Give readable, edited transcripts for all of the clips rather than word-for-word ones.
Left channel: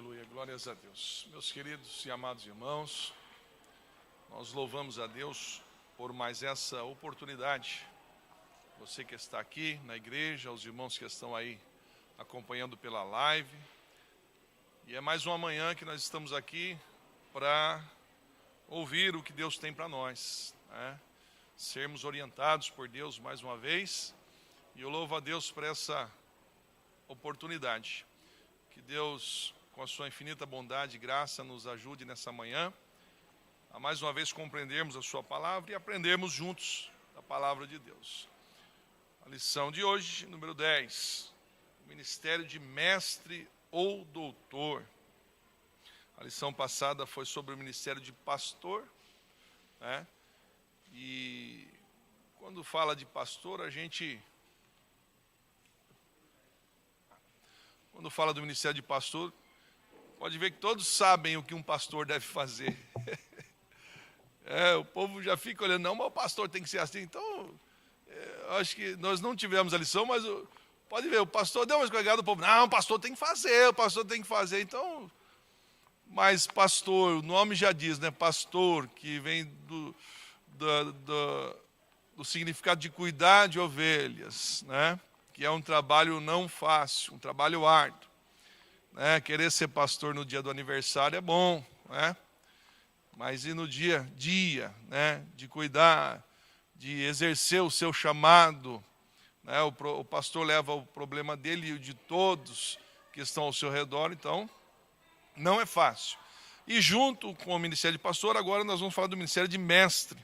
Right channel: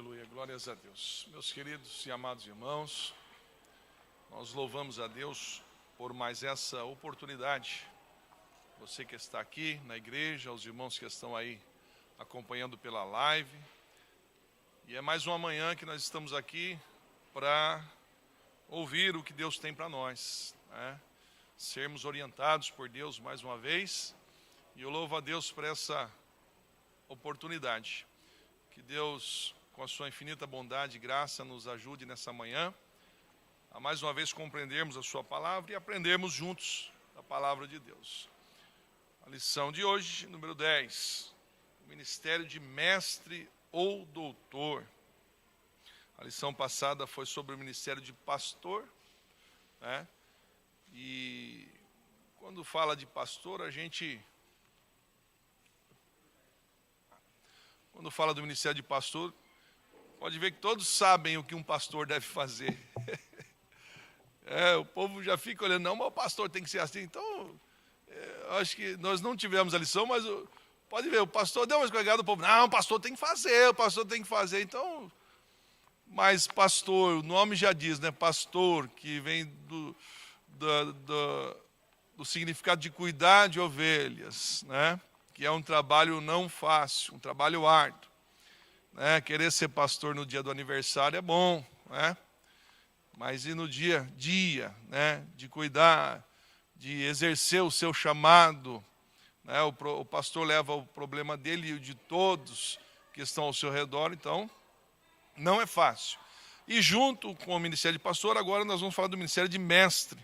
Aleluia, glórias a Deus. Meus queridos e amados irmãos, nós louvamos a Deus por mais essa oportunidade. Você que está aqui na igreja, os irmãos que estão aí acompanhando pela live. E é mais uma manhã que nós estamos aqui para ouvir o que Deus tem para nós, né? Sermos orientados por Deus mais uma vez. E eu louvo a Deus por essa oportunidade. Que Deus, com a sua infinita bondade e graça, nos ajude nessa manhã a mais uma vez compreendermos a sua palavra e aprendermos juntos a palavra de Deus. A lição de hoje, número 10, o ministério de mestre ou doutor. A lição passada foi sobre o ministério de pastor, né? E quando fala de pastor, quando fala do ministério de pastor, pode ver que todos sabem o que um pastor deve fazer. O povo já fica olhando, não, mas o pastor tem que ser assim. Então, acho que nós não tivemos a lição, mas pode ver, o pastor deu uma escorregada, o povo, não, o pastor tem que fazer, Então, mas pastor, o nome já diz, né? Pastor, que vem do significado de cuidar de ovelhas, né? Que é um trabalho não fácil, um trabalho árduo, né? Querer ser pastor no dia do aniversário é bom, né? Mas e no dia a dia, né? De cuidar, de exercer o seu chamado, né? O pastor leva o problema dele e o de todos que estão ao seu redor, então não é fácil. E junto com o ministério de pastor, agora nós vamos falar do ministério de mestre,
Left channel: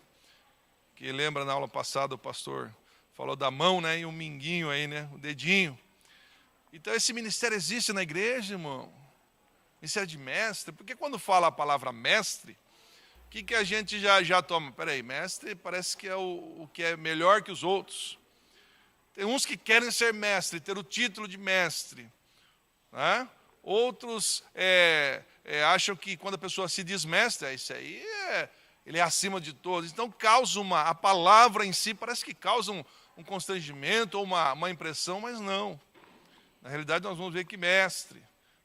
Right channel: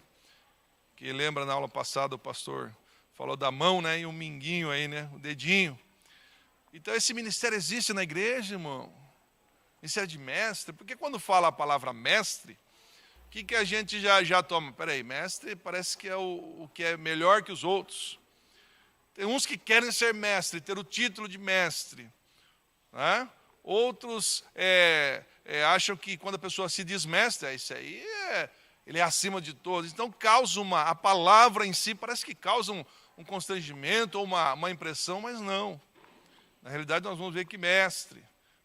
que lembra na aula passada o pastor falou da mão, né, e um minguinho aí, né, o dedinho. Então esse ministério existe na igreja, irmão. Ministério de mestre, porque quando fala a palavra mestre, o que a gente já toma? Peraí, mestre parece que é o que é melhor que os outros. Tem uns que querem ser mestre, ter o título de mestre, né? Outros acham que quando a pessoa se diz mestre, isso aí ele é acima de todos. Então causa a palavra em si parece que causa um constrangimento ou uma impressão, mas não. Na realidade nós vamos ver que mestre,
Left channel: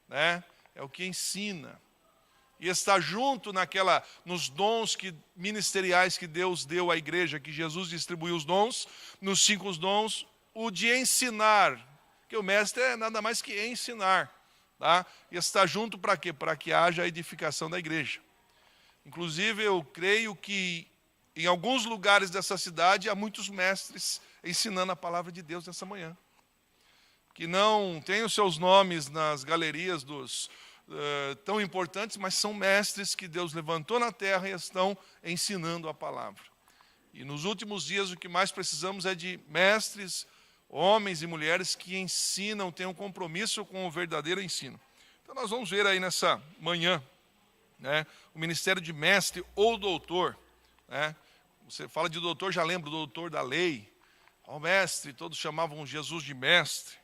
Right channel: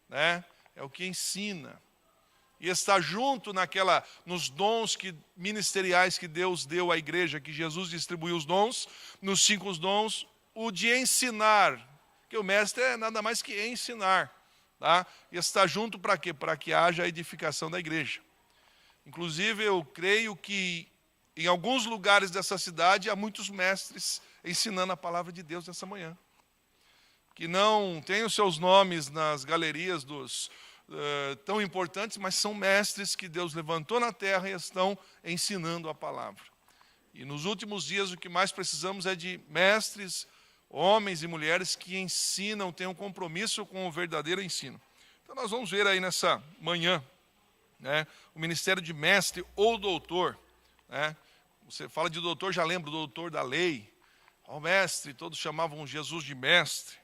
né, é o que ensina. E está junto nos dons ministeriais que Deus deu à igreja, que Jesus distribuiu os dons, nos 5 dons, o de ensinar. Que o mestre é nada mais que ensinar. Tá? E está junto para quê? Para que haja a edificação da igreja. Inclusive, eu creio que em alguns lugares dessa cidade há muitos mestres ensinando a palavra de Deus nessa manhã. Que não têm os seus nomes nas galerias tão importantes, mas são mestres que Deus levantou na terra e estão ensinando a palavra. E nos últimos dias o que mais precisamos é de mestres, homens e mulheres que ensinam, têm um compromisso com o verdadeiro ensino. Então nós vamos ver aí nessa manhã, né, o ministério de mestre ou doutor, né? Você fala de doutor, já lembra do doutor da lei, o mestre, todos chamavam Jesus de mestre.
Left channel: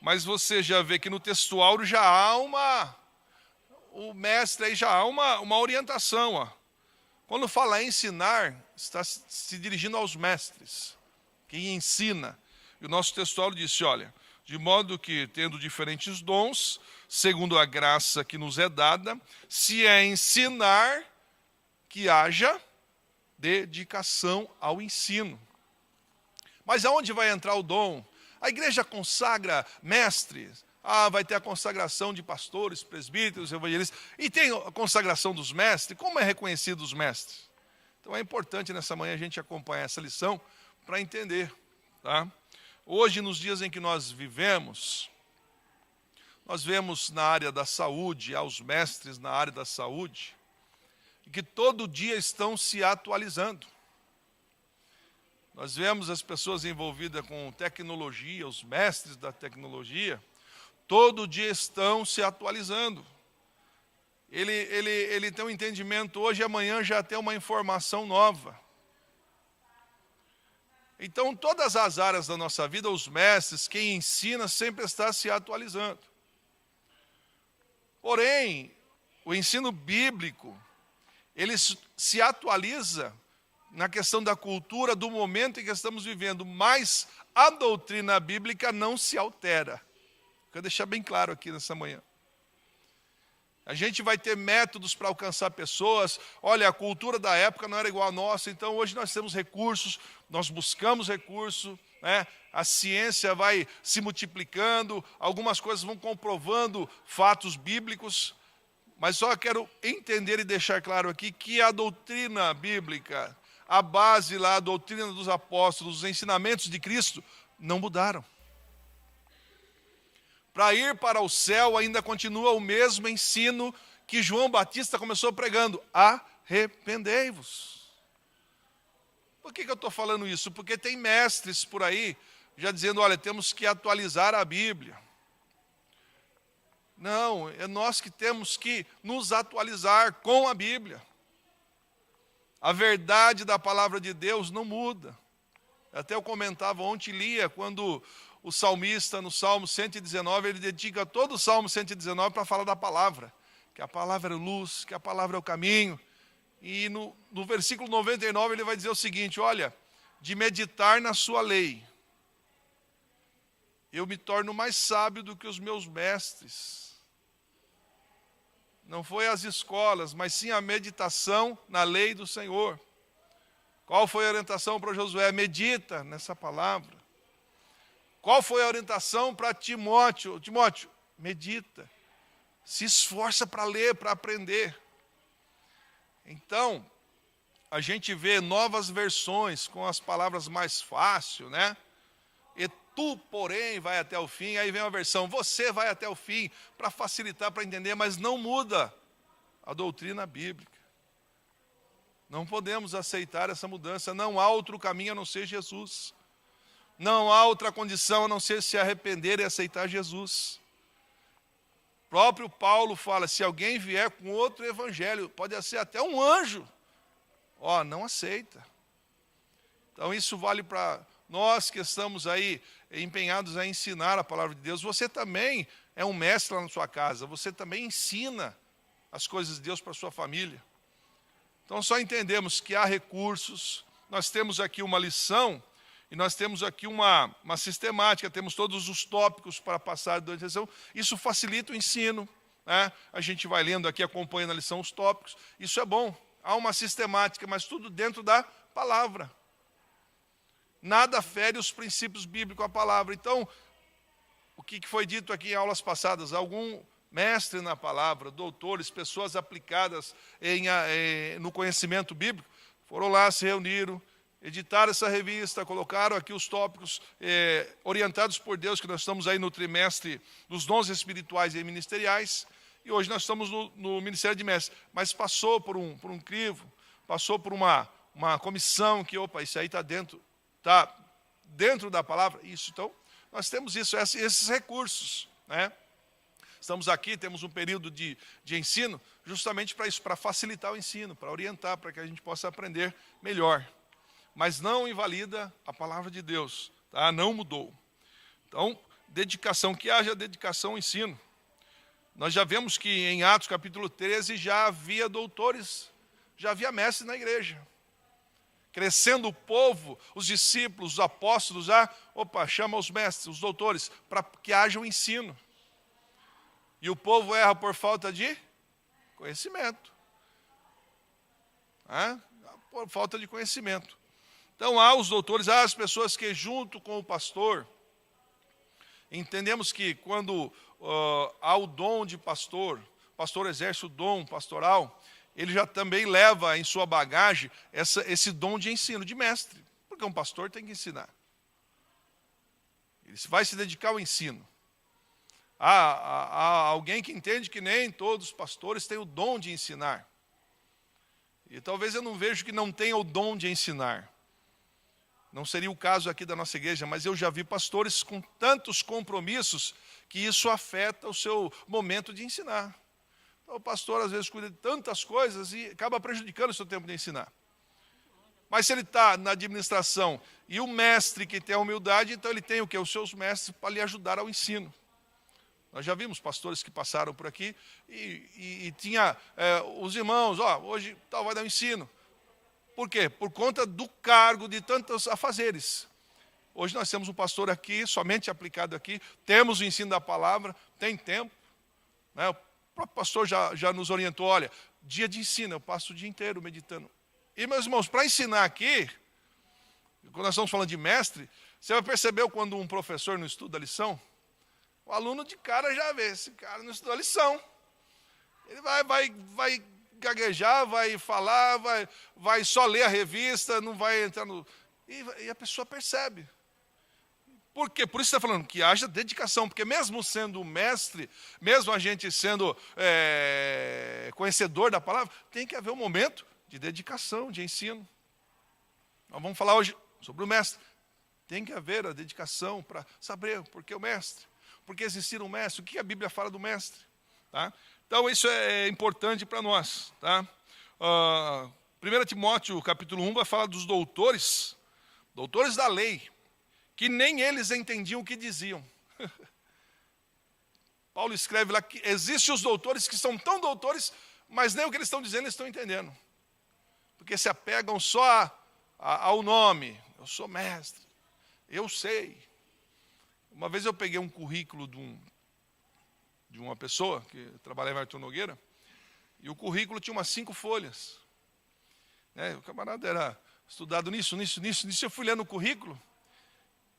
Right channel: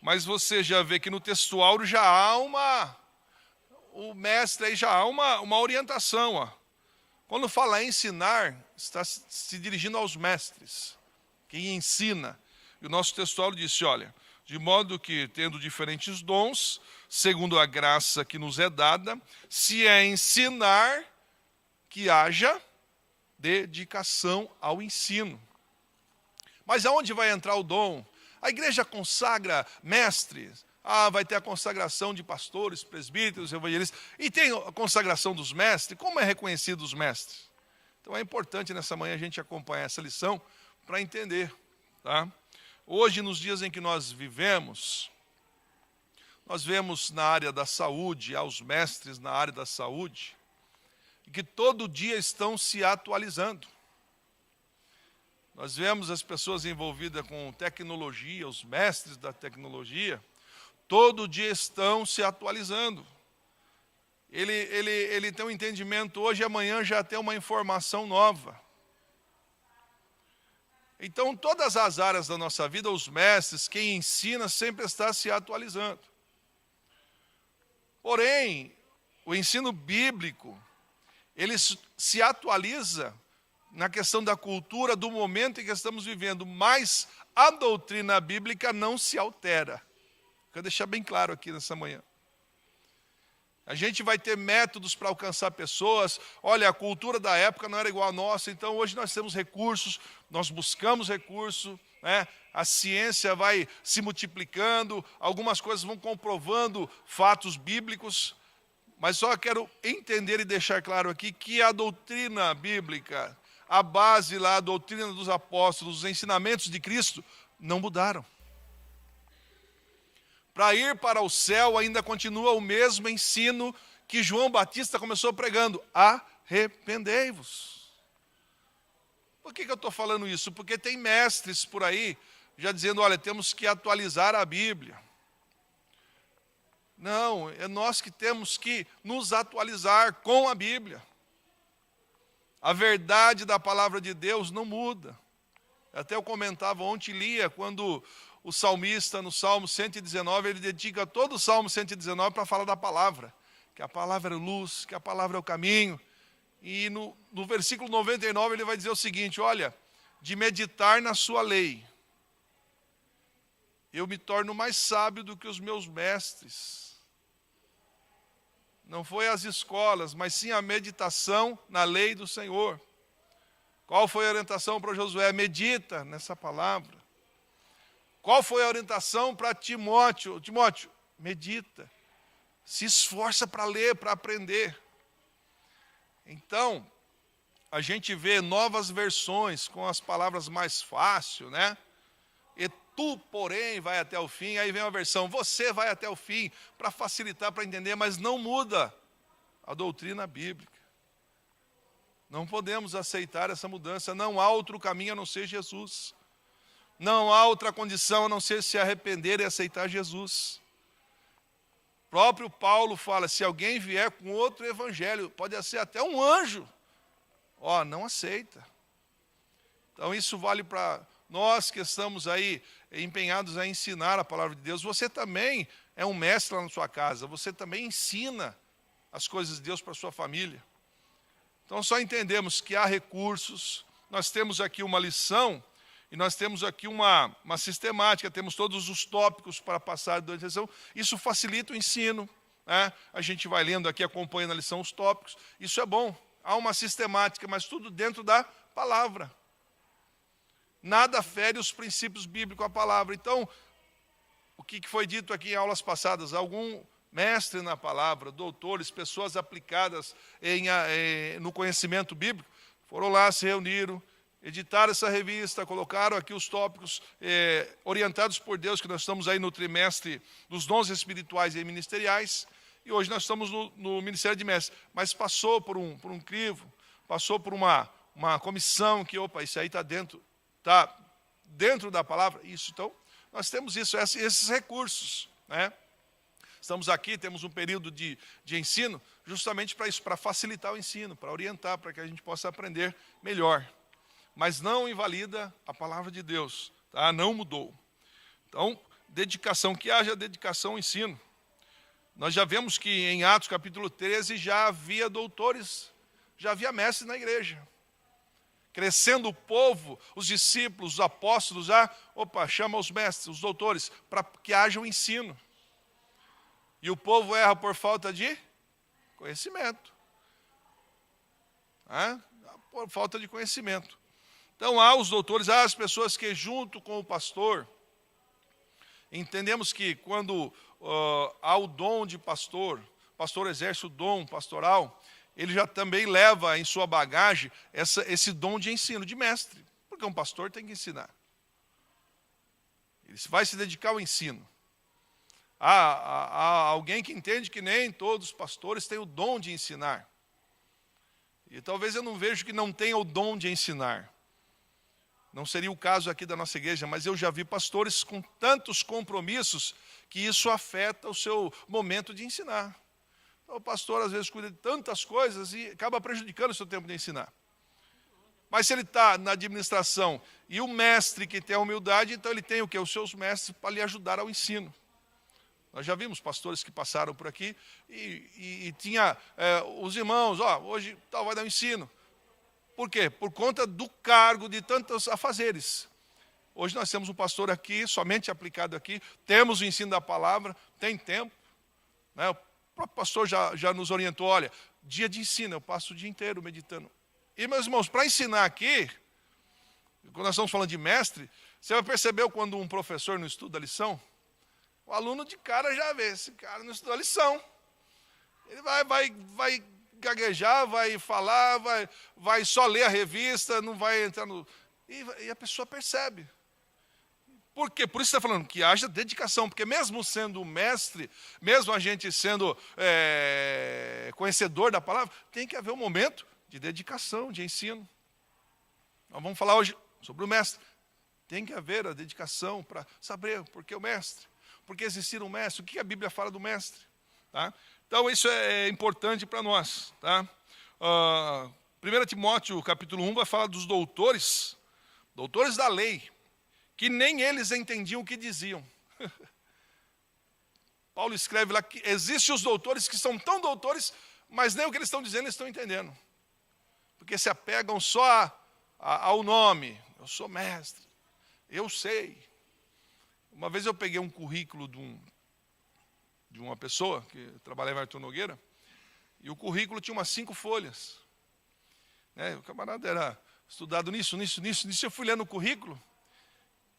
Mas você já vê que no textual o mestre aí já há uma orientação. Ó. Quando fala ensinar, está se dirigindo aos mestres, quem ensina. E o nosso textual disse, olha, de modo que, tendo diferentes dons, segundo a graça que nos é dada, se é ensinar, que haja dedicação ao ensino. Mas aonde vai entrar o dom? A igreja consagra mestres. Vai ter a consagração de pastores, presbíteros, evangelistas. E tem a consagração dos mestres. Como é reconhecido os mestres? Então é importante nessa manhã a gente acompanhar essa lição para entender. Tá? Hoje, nos dias em que nós vivemos, nós vemos na área da saúde, aos mestres na área da saúde, que todo dia estão se atualizando. Nós vemos as pessoas envolvidas com tecnologia, os mestres da tecnologia, todo dia estão se atualizando. Ele tem um entendimento hoje e amanhã já tem uma informação nova. Então, todas as áreas da nossa vida, os mestres, quem ensina, sempre está se atualizando. Porém, o ensino bíblico, ele se atualiza na questão da cultura do momento em que estamos vivendo, mas a doutrina bíblica não se altera. Quero deixar bem claro aqui nessa manhã. A gente vai ter métodos para alcançar pessoas. Olha, a cultura da época não era igual à nossa, então hoje nós temos recursos, nós buscamos recurso, né? A ciência vai se multiplicando, algumas coisas vão comprovando fatos bíblicos, mas só quero entender e deixar claro aqui que a doutrina bíblica, a base lá, a doutrina dos apóstolos, os ensinamentos de Cristo, não mudaram. Para ir para o céu ainda continua o mesmo ensino que João Batista começou pregando: arrependei-vos. Por que eu estou falando isso? Porque tem mestres por aí já dizendo, olha, temos que atualizar a Bíblia. Não, é nós que temos que nos atualizar com a Bíblia. A verdade da palavra de Deus não muda. Até eu comentava ontem, lia, quando o salmista, no Salmo 119, ele dedica todo o Salmo 119 para falar da palavra. Que a palavra é luz, que a palavra é o caminho. E no versículo 99 ele vai dizer o seguinte, olha, de meditar na sua lei, eu me torno mais sábio do que os meus mestres. Não foi as escolas, mas sim a meditação na lei do Senhor. Qual foi a orientação para Josué? Medita nessa palavra. Qual foi a orientação para Timóteo? Timóteo, medita. Se esforça para ler, para aprender. Então, a gente vê novas versões com as palavras mais fáceis, né? E tu, porém, vai até o fim. Aí vem uma versão, você vai até o fim, para facilitar, para entender, mas não muda a doutrina bíblica. Não podemos aceitar essa mudança. Não há outro caminho a não ser Jesus. Não há outra condição a não ser se arrepender e aceitar Jesus. O próprio Paulo fala, se alguém vier com outro evangelho, pode ser até um anjo, não aceita. Então isso vale para nós que estamos aí empenhados a ensinar a palavra de Deus. Você também é um mestre lá na sua casa, você também ensina as coisas de Deus para a sua família. Então só entendemos que há recursos, nós temos aqui uma lição, e nós temos aqui uma sistemática, temos todos os tópicos para passar durante a lição. Isso facilita o ensino, né? A gente vai lendo aqui, acompanhando a lição, os tópicos. Isso é bom. Há uma sistemática, mas tudo dentro da palavra. Nada fere os princípios bíblicos à palavra. Então, o que foi dito aqui em aulas passadas? Algum mestre na palavra, doutores, pessoas aplicadas no conhecimento bíblico, foram lá, se reuniram, editaram essa revista, colocaram aqui os tópicos orientados por Deus, que nós estamos aí no trimestre dos dons espirituais e ministeriais, e hoje nós estamos no Ministério de Mestres, mas passou por um crivo, passou por uma comissão que, isso aí está dentro da palavra, isso, então, nós temos esses recursos, né? Estamos aqui, temos um período de ensino, justamente para isso, para facilitar o ensino, para orientar, para que a gente possa aprender melhor. Mas não invalida a palavra de Deus, tá? Não mudou. Então, dedicação, que haja dedicação ao ensino. Nós já vemos que em Atos capítulo 13 já havia doutores, já havia mestres na igreja. Crescendo o povo, os discípulos, os apóstolos, chama os mestres, os doutores, para que haja um ensino. E o povo erra por falta de conhecimento. Por falta de conhecimento. Então, há os doutores, há as pessoas que, junto com o pastor, entendemos que quando há o dom de pastor, o pastor exerce o dom pastoral, ele já também leva em sua bagagem esse dom de ensino, de mestre, porque um pastor tem que ensinar. Ele vai se dedicar ao ensino. Há alguém que entende que nem todos os pastores têm o dom de ensinar. E talvez eu não vejo que não tenha o dom de ensinar. Não seria o caso aqui da nossa igreja, mas eu já vi pastores com tantos compromissos que isso afeta o seu momento de ensinar. Então, o pastor às vezes cuida de tantas coisas e acaba prejudicando o seu tempo de ensinar. Mas se ele está na administração e o mestre que tem a humildade, então ele tem o quê? Os seus mestres para lhe ajudar ao ensino. Nós já vimos pastores que passaram por aqui e tinha os irmãos, hoje vai dar um ensino. Por quê? Por conta do cargo de tantos afazeres. Hoje nós temos um pastor aqui, somente aplicado aqui, temos o ensino da palavra, tem tempo, né? próprio pastor já nos orientou, olha, dia de ensino, eu passo o dia inteiro meditando. E, meus irmãos, para ensinar aqui, quando nós estamos falando de mestre, você vai perceber quando um professor não estuda a lição, o aluno de cara já vê, esse cara não estudou a lição. Ele vai gaguejar, vai falar, vai só ler a revista, não vai entrar no... E a pessoa percebe. Por quê? Por isso está falando que haja dedicação, porque mesmo sendo mestre, mesmo a gente sendo conhecedor da palavra, tem que haver um momento de dedicação, de ensino. Nós vamos falar hoje sobre o mestre. Tem que haver a dedicação para saber por que o mestre, por que existir um mestre, o que a Bíblia fala do mestre. Tá? Então isso é importante para nós. Tá? 1 Timóteo capítulo 1 vai falar dos doutores da lei, que nem eles entendiam o que diziam. Paulo escreve lá que existem os doutores que são tão doutores, mas nem o que eles estão dizendo eles estão entendendo. Porque se apegam só ao nome. Eu sou mestre, eu sei. Uma vez eu peguei um currículo de uma pessoa que trabalhava em Arthur Nogueira, e o currículo tinha umas 5 folhas. O camarada era estudado nisso. Eu fui olhando o currículo,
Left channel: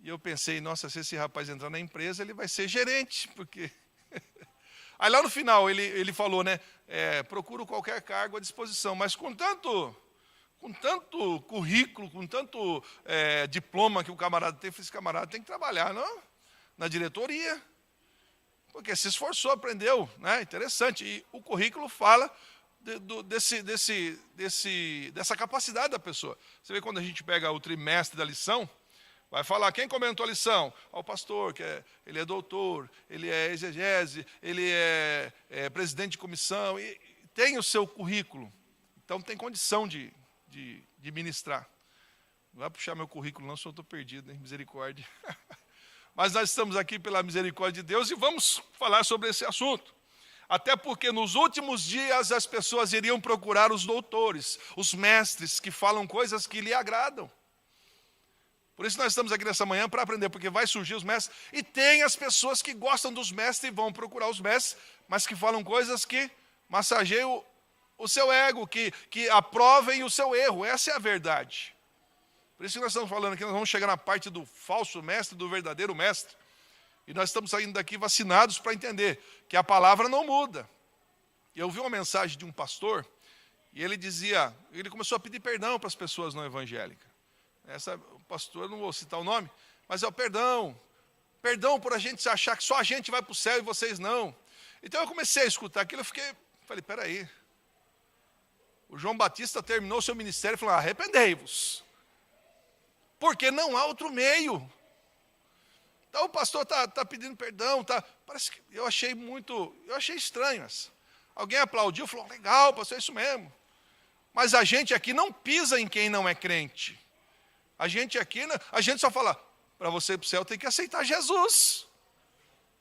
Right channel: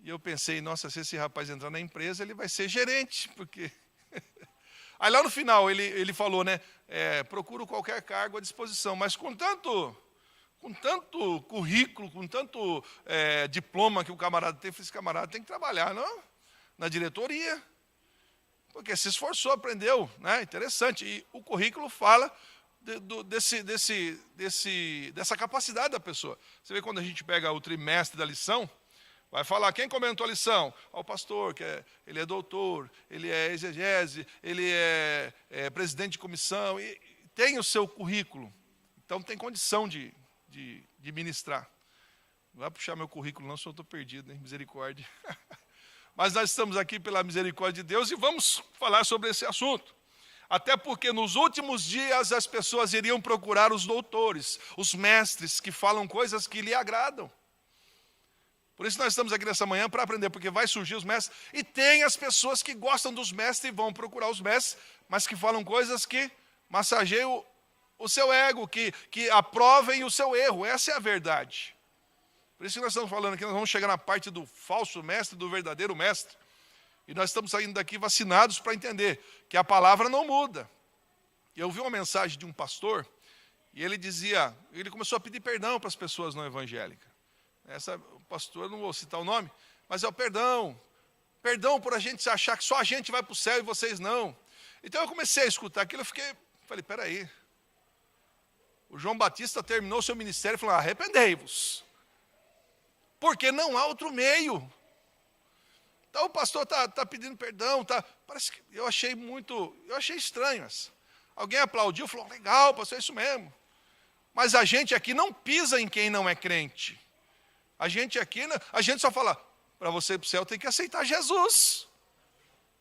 e eu pensei, nossa, se esse rapaz entrar na empresa, ele vai ser gerente, porque... Aí lá no final ele falou, procuro qualquer cargo à disposição, mas com tanto currículo, com tanto diploma que o camarada tem, esse camarada tem que trabalhar, não? Na diretoria, porque se esforçou, aprendeu, interessante. E o currículo fala dessa capacidade da pessoa. Você vê quando a gente pega o trimestre da lição, vai falar, quem comentou a lição? O pastor, ele é doutor, ele é exegese, ele é presidente de comissão, e tem o seu currículo. Então tem condição de ministrar. Não vai puxar meu currículo não, só estou perdido, hein? Misericórdia. Mas nós estamos aqui pela misericórdia de Deus e vamos falar sobre esse assunto. Até porque nos últimos dias as pessoas iriam procurar os doutores, os mestres que falam coisas que lhe agradam. Por isso nós estamos aqui nessa manhã para aprender, porque vai surgir os mestres. E tem as pessoas que gostam dos mestres e vão procurar os mestres, mas que falam coisas que massageiam o seu ego, que aprovem o seu erro. Essa é a verdade. Por isso que nós estamos falando aqui, nós vamos chegar na parte do falso mestre, do verdadeiro mestre. E nós estamos saindo daqui vacinados para entender que a palavra não muda. Eu vi uma mensagem de um pastor, e ele começou a pedir perdão para as pessoas não evangélicas. O pastor, não vou citar o nome, mas é o perdão por a gente achar que só a gente vai para o céu e vocês não. Então eu comecei a escutar aquilo, falei, peraí. O João Batista terminou seu ministério e falou, arrependei-vos. Porque não há outro meio. Então o pastor está pedindo perdão, parece que eu achei estranho. Alguém aplaudiu, falou, legal, pastor, é isso mesmo. Mas a gente aqui não pisa em quem não é crente. A gente só fala, para você ir para o céu tem que aceitar Jesus.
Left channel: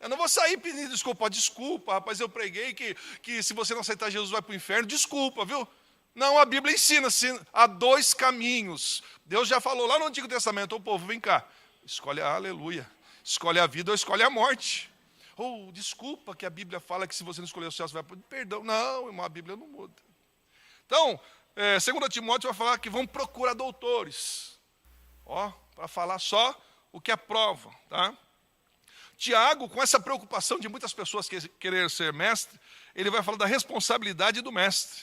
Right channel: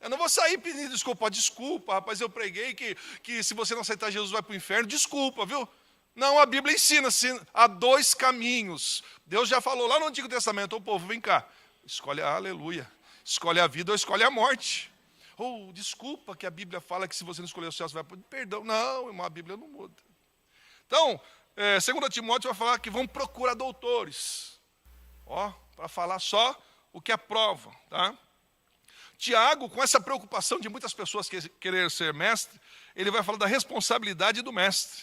Eu não vou sair pedindo desculpa, rapaz, eu preguei que se você não aceitar Jesus vai para o inferno, desculpa, viu? Não, a Bíblia ensina, há 2 caminhos. Deus já falou lá no Antigo Testamento, o povo, vem cá, escolhe a vida ou escolhe a morte. Desculpa que a Bíblia fala que se você não escolher o céu, você vai para o perdão. Não, irmão, a Bíblia não muda. Então, 2 Timóteo vai falar que vão procurar doutores. Para falar só o que aprova. Tá? Tiago, com essa preocupação de muitas pessoas querer ser mestre, ele vai falar da responsabilidade do mestre.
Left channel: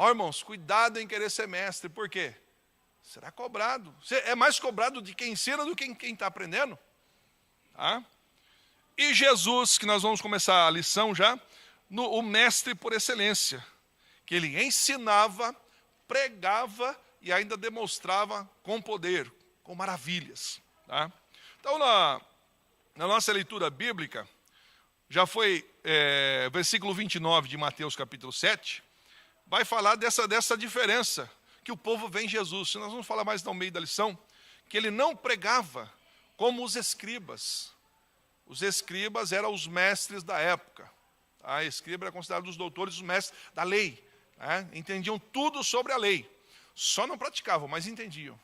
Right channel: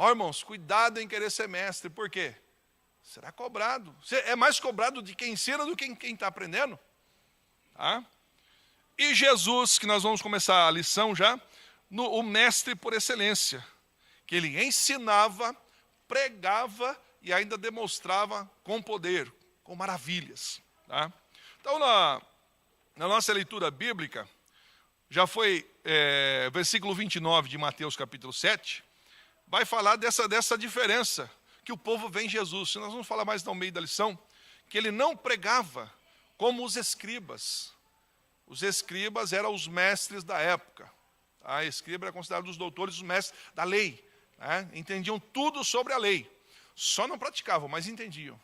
Irmãos, cuidado em querer ser mestre, por quê? Será cobrado. É mais cobrado de quem ensina do que quem está aprendendo. Tá? E Jesus, que nós vamos começar a lição já, o mestre por excelência, que ele ensinava, pregava e ainda demonstrava com poder, com maravilhas. Tá? Então, na nossa leitura bíblica, já foi versículo 29 de Mateus capítulo 7, vai falar dessa diferença que o povo vê em Jesus. Nós vamos falar mais no meio da lição, que ele não pregava como os escribas. Os escribas eram os mestres da época. A escriba era considerado os doutores, os mestres da lei. Entendiam tudo sobre a lei. Só não praticavam, mas entendiam.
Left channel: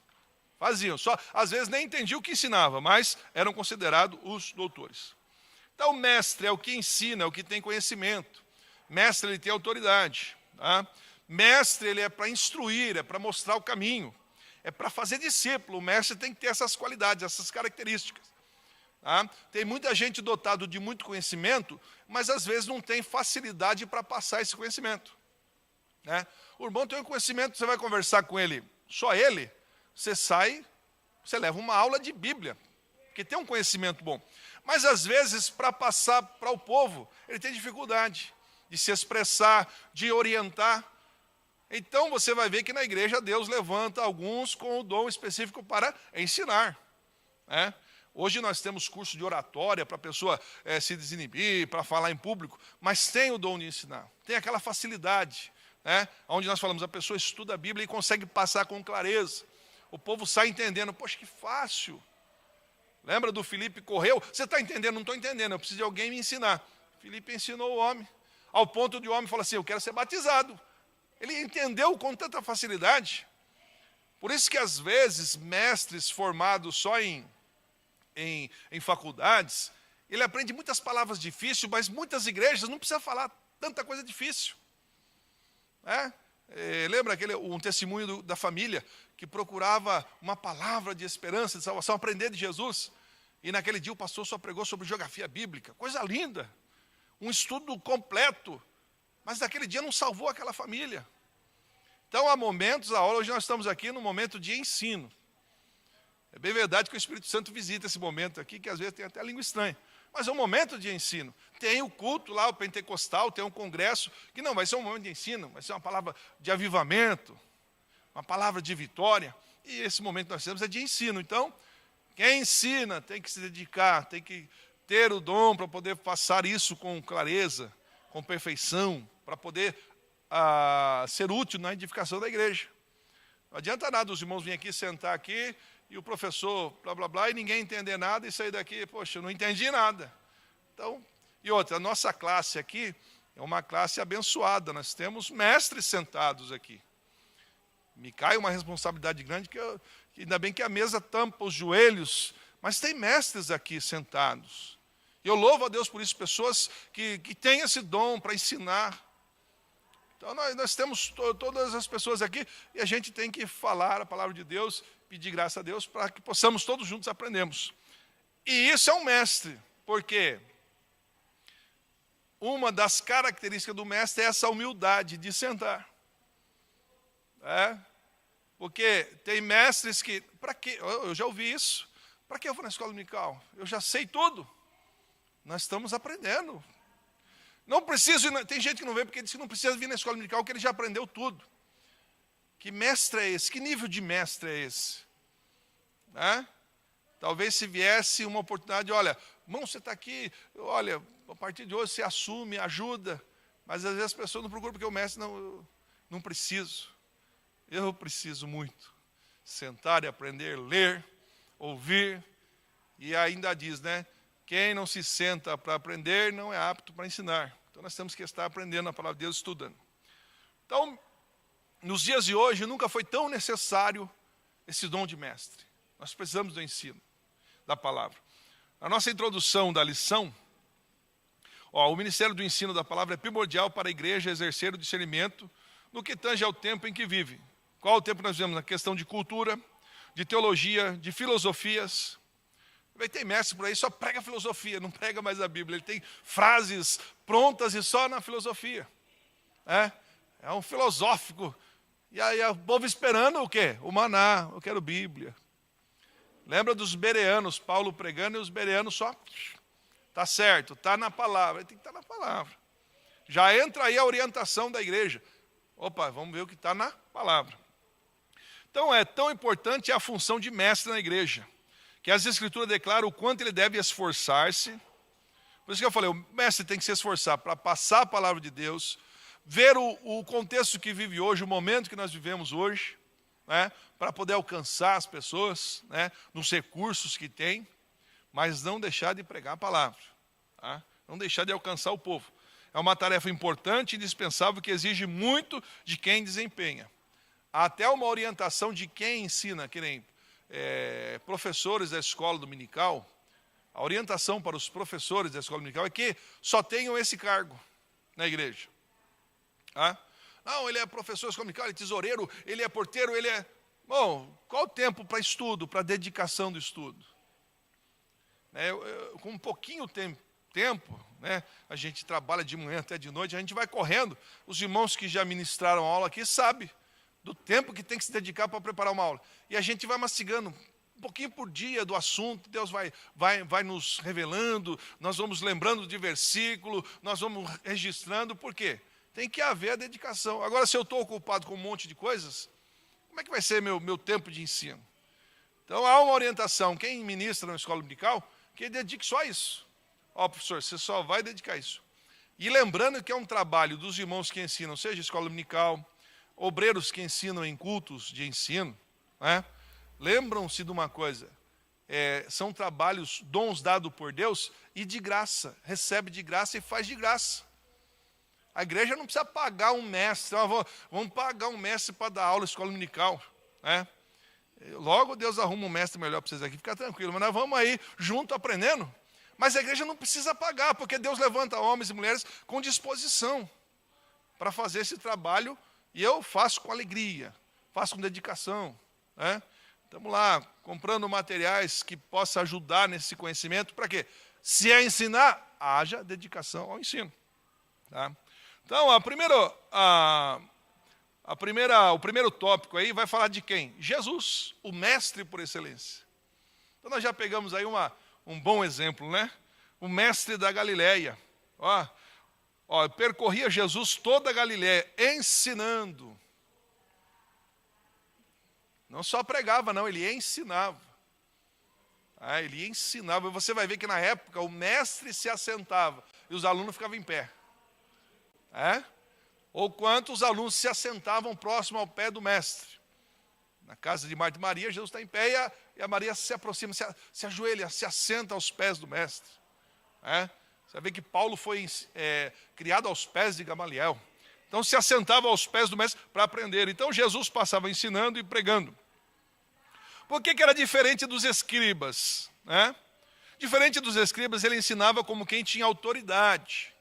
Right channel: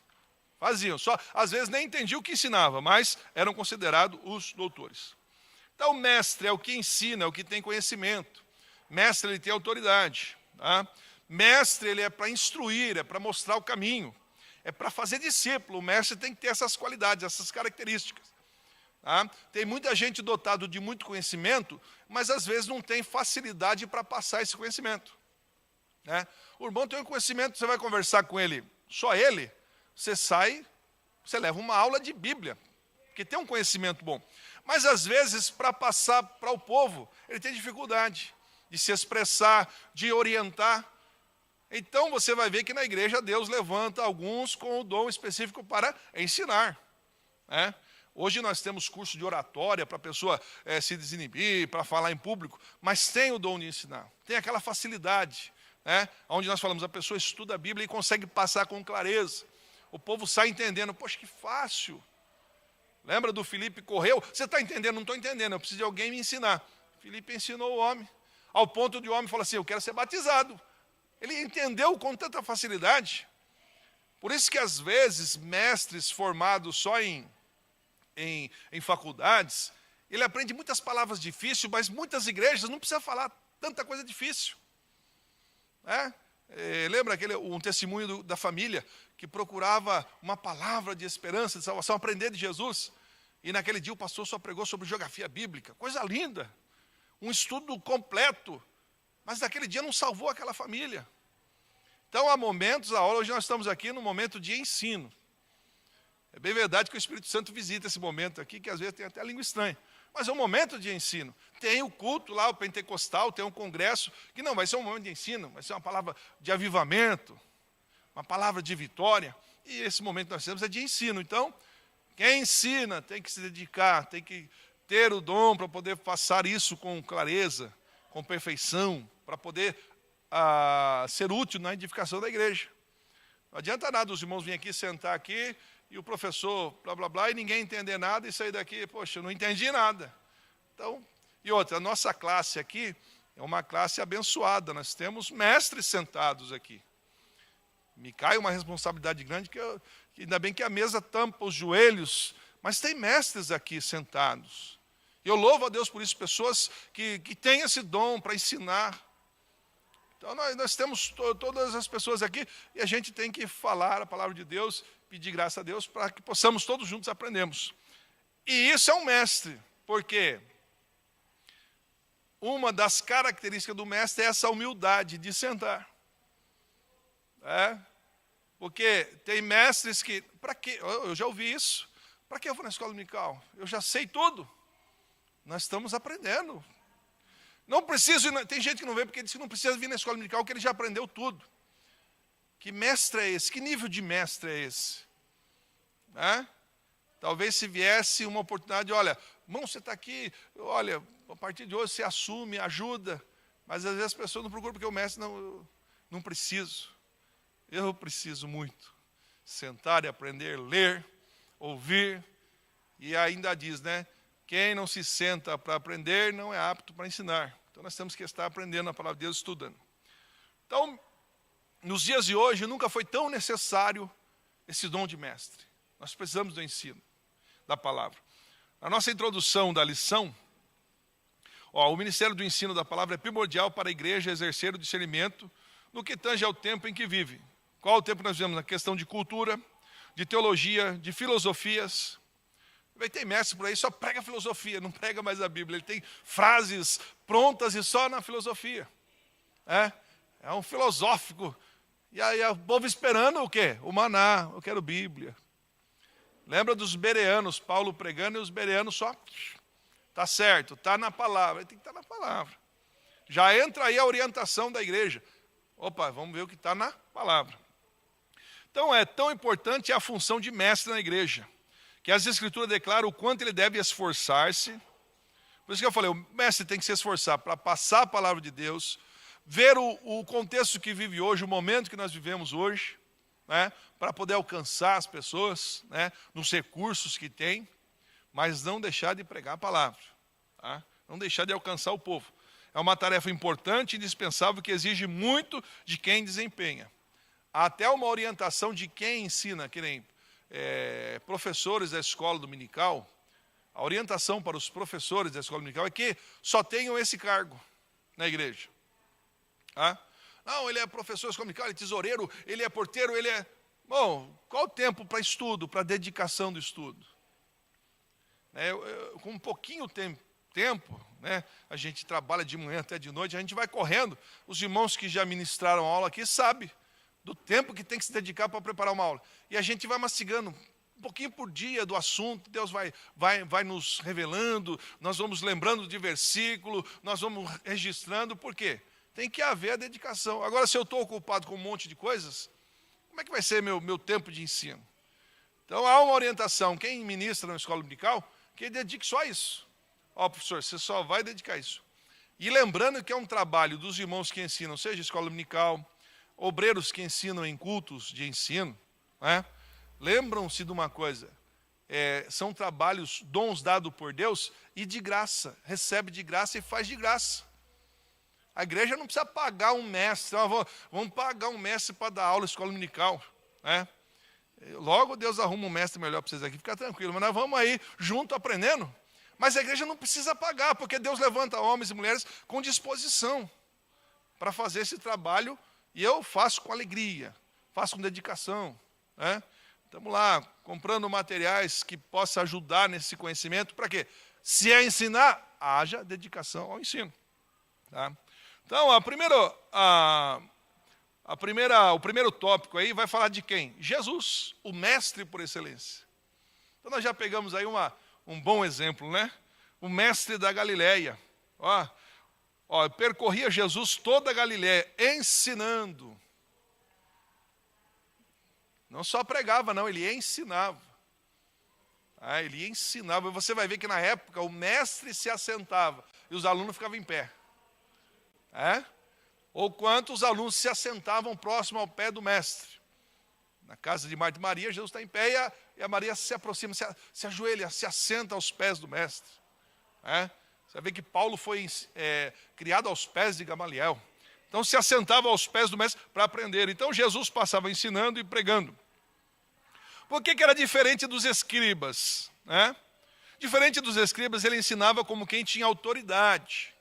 Faziam. Às vezes nem entendiam o que ensinava, mas eram considerados os doutores. Então o mestre é o que ensina, é o que tem conhecimento. Mestre, ele tem autoridade. Tá? Mestre, ele é para instruir, é para mostrar o caminho, é para fazer discípulo. O mestre tem que ter essas qualidades, essas características. Tá? Tem muita gente dotada de muito conhecimento, mas às vezes não tem facilidade para passar esse conhecimento. Né? O irmão tem um conhecimento, você vai conversar com ele, só ele, você sai, você leva uma aula de Bíblia, que tem um conhecimento bom. Mas às vezes, para passar para o povo, ele tem dificuldade de se expressar, de orientar. Então você vai ver que na igreja Deus levanta alguns com o dom específico para ensinar. Né? Hoje nós temos curso de oratória para a pessoa se desinibir, para falar em público, mas tem o dom de ensinar, tem aquela facilidade, né? Onde nós falamos, a pessoa estuda a Bíblia e consegue passar com clareza. O povo sai entendendo, poxa, que fácil. Lembra do Filipe correu? Você está entendendo? Não estou entendendo, eu preciso de alguém me ensinar. Filipe ensinou o homem, ao ponto de o homem falar assim, eu quero ser batizado. Ele entendeu com tanta facilidade. Por isso que às vezes mestres formados só em faculdades, ele aprende muitas palavras difíceis, mas muitas igrejas não precisam falar tanta coisa difícil. Lembra um testemunho da família que procurava uma palavra de esperança, de salvação, aprender de Jesus, e naquele dia o pastor só pregou sobre geografia bíblica, coisa linda, um estudo completo, mas naquele dia não salvou aquela família. Então há momentos, hoje nós estamos aqui num momento de ensino. É bem verdade que o Espírito Santo visita esse momento aqui, que às vezes tem até língua estranha. Mas é um momento de ensino. Tem o culto lá, o pentecostal, tem um congresso, que não vai ser um momento de ensino, vai ser uma palavra de avivamento, uma palavra de vitória. E esse momento que nós temos é de ensino. Então, quem ensina tem que se dedicar, tem que ter o dom para poder passar isso com clareza, com perfeição, para poder ser útil na edificação da igreja. Não adianta nada os irmãos virem aqui, sentar aqui, e o professor, blá, blá, blá, e ninguém entender nada, e sair daqui, poxa, eu não entendi nada. Então, e outra, a nossa classe aqui é uma classe abençoada, nós temos mestres sentados aqui. Me cai uma responsabilidade grande, que ainda bem que a mesa tampa os joelhos, mas tem mestres aqui sentados. Eu louvo a Deus por isso, pessoas que têm esse dom para ensinar. Então, nós temos todas as pessoas aqui, e a gente tem que falar a palavra de Deus, pedir graça a Deus, para que possamos todos juntos aprendermos. E isso é um mestre, porque uma das características do mestre é essa humildade de sentar. Porque tem mestres que, para quê? Eu já ouvi isso, para que eu vou na escola dominical? Eu já sei tudo. Nós estamos aprendendo. Não preciso, tem gente que não vê porque diz que não precisa vir na escola dominical, que ele já aprendeu tudo. Que mestre é esse? Que nível de mestre é esse? Talvez se viesse uma oportunidade, olha, irmão, você está aqui, olha, a partir de hoje você assume, ajuda, mas às vezes as pessoas não procuram porque o mestre não preciso. Eu preciso muito. Sentar e aprender, ler, ouvir, e ainda diz, né? Quem não se senta para aprender não é apto para ensinar. Então nós temos que estar aprendendo a palavra de Deus, estudando. Então, nos dias de hoje, nunca foi tão necessário esse dom de mestre. Nós precisamos do ensino da palavra. A nossa introdução da lição, o ministério do ensino da palavra é primordial para a igreja exercer o discernimento no que tange ao tempo em que vive. Qual o tempo que nós vivemos? Na questão de cultura, de teologia, de filosofias. Vai ter mestre por aí, só prega filosofia, não prega mais a Bíblia. Ele tem frases prontas e só na filosofia. É um filosófico. E aí o povo esperando o quê? O maná, eu quero Bíblia. Lembra dos bereanos, Paulo pregando e os bereanos só, tá certo, tá na palavra, tem que estar na palavra. Já entra aí a orientação da igreja. Opa, vamos ver o que está na palavra. Então é tão importante a função de mestre na igreja, que as escrituras declaram o quanto ele deve esforçar-se. Por isso que eu falei, o mestre tem que se esforçar para passar a palavra de Deus, ver o contexto que vive hoje, o momento que nós vivemos hoje, né, para poder alcançar as pessoas, né, nos recursos que tem, mas não deixar de pregar a palavra, tá? Não deixar de alcançar o povo. É uma tarefa importante e indispensável que exige muito de quem desempenha. Há até uma orientação de quem ensina, que nem professores da escola dominical. A orientação para os professores da escola dominical é que só tenham esse cargo na igreja. Tá? Não, ele é professor dominical, ele é tesoureiro, ele é porteiro, ele é... Bom, qual o tempo para estudo, para dedicação do estudo? Com um pouquinho tempo, né, a gente trabalha de manhã até de noite, a gente vai correndo. Os irmãos que já ministraram aula aqui sabem do tempo que tem que se dedicar para preparar uma aula. E a gente vai mastigando um pouquinho por dia do assunto, Deus vai nos revelando, nós vamos lembrando de versículo, nós vamos registrando, por quê? Tem que haver a dedicação. Agora, se eu estou ocupado com um monte de coisas, como é que vai ser meu tempo de ensino? Então, há uma orientação, quem ministra na escola dominical, que dedique só isso. Ó, professor, você só vai dedicar isso. E lembrando que é um trabalho dos irmãos que ensinam, seja escola dominical, obreiros que ensinam em cultos de ensino, né? Lembram-se de uma coisa, são trabalhos, dons dados por Deus e de graça, recebe de graça e faz de graça. A igreja não precisa pagar um mestre, vamos pagar um mestre para dar aula na escola dominical, né? Logo Deus arruma um mestre melhor para vocês aqui, fica tranquilo, mas nós vamos aí junto aprendendo. Mas a igreja não precisa pagar, porque Deus levanta homens e mulheres com disposição para fazer esse trabalho, e eu faço com alegria, faço com dedicação, né? Estamos lá comprando materiais que possam ajudar nesse conhecimento, para quê? Se é ensinar, haja dedicação ao ensino. Tá? Então, o primeiro tópico aí vai falar de quem? Jesus, o mestre por excelência. Então, nós já pegamos aí um bom exemplo, né? O mestre da Galileia. Percorria Jesus toda a Galileia, ensinando. Não só pregava, não, ele ensinava. Ele ensinava. Você vai ver que na época o mestre se assentava e os alunos ficavam em pé. Ou quantos alunos se assentavam próximo ao pé do mestre. Na casa de Marta e Maria, Jesus está em pé e a Maria se aproxima, se ajoelha, se assenta aos pés do mestre. Você vê que Paulo foi criado aos pés de Gamaliel. Então se assentava aos pés do mestre para aprender. Então Jesus passava ensinando e pregando. Por que era diferente dos escribas? Diferente dos escribas, ele ensinava como quem tinha autoridade.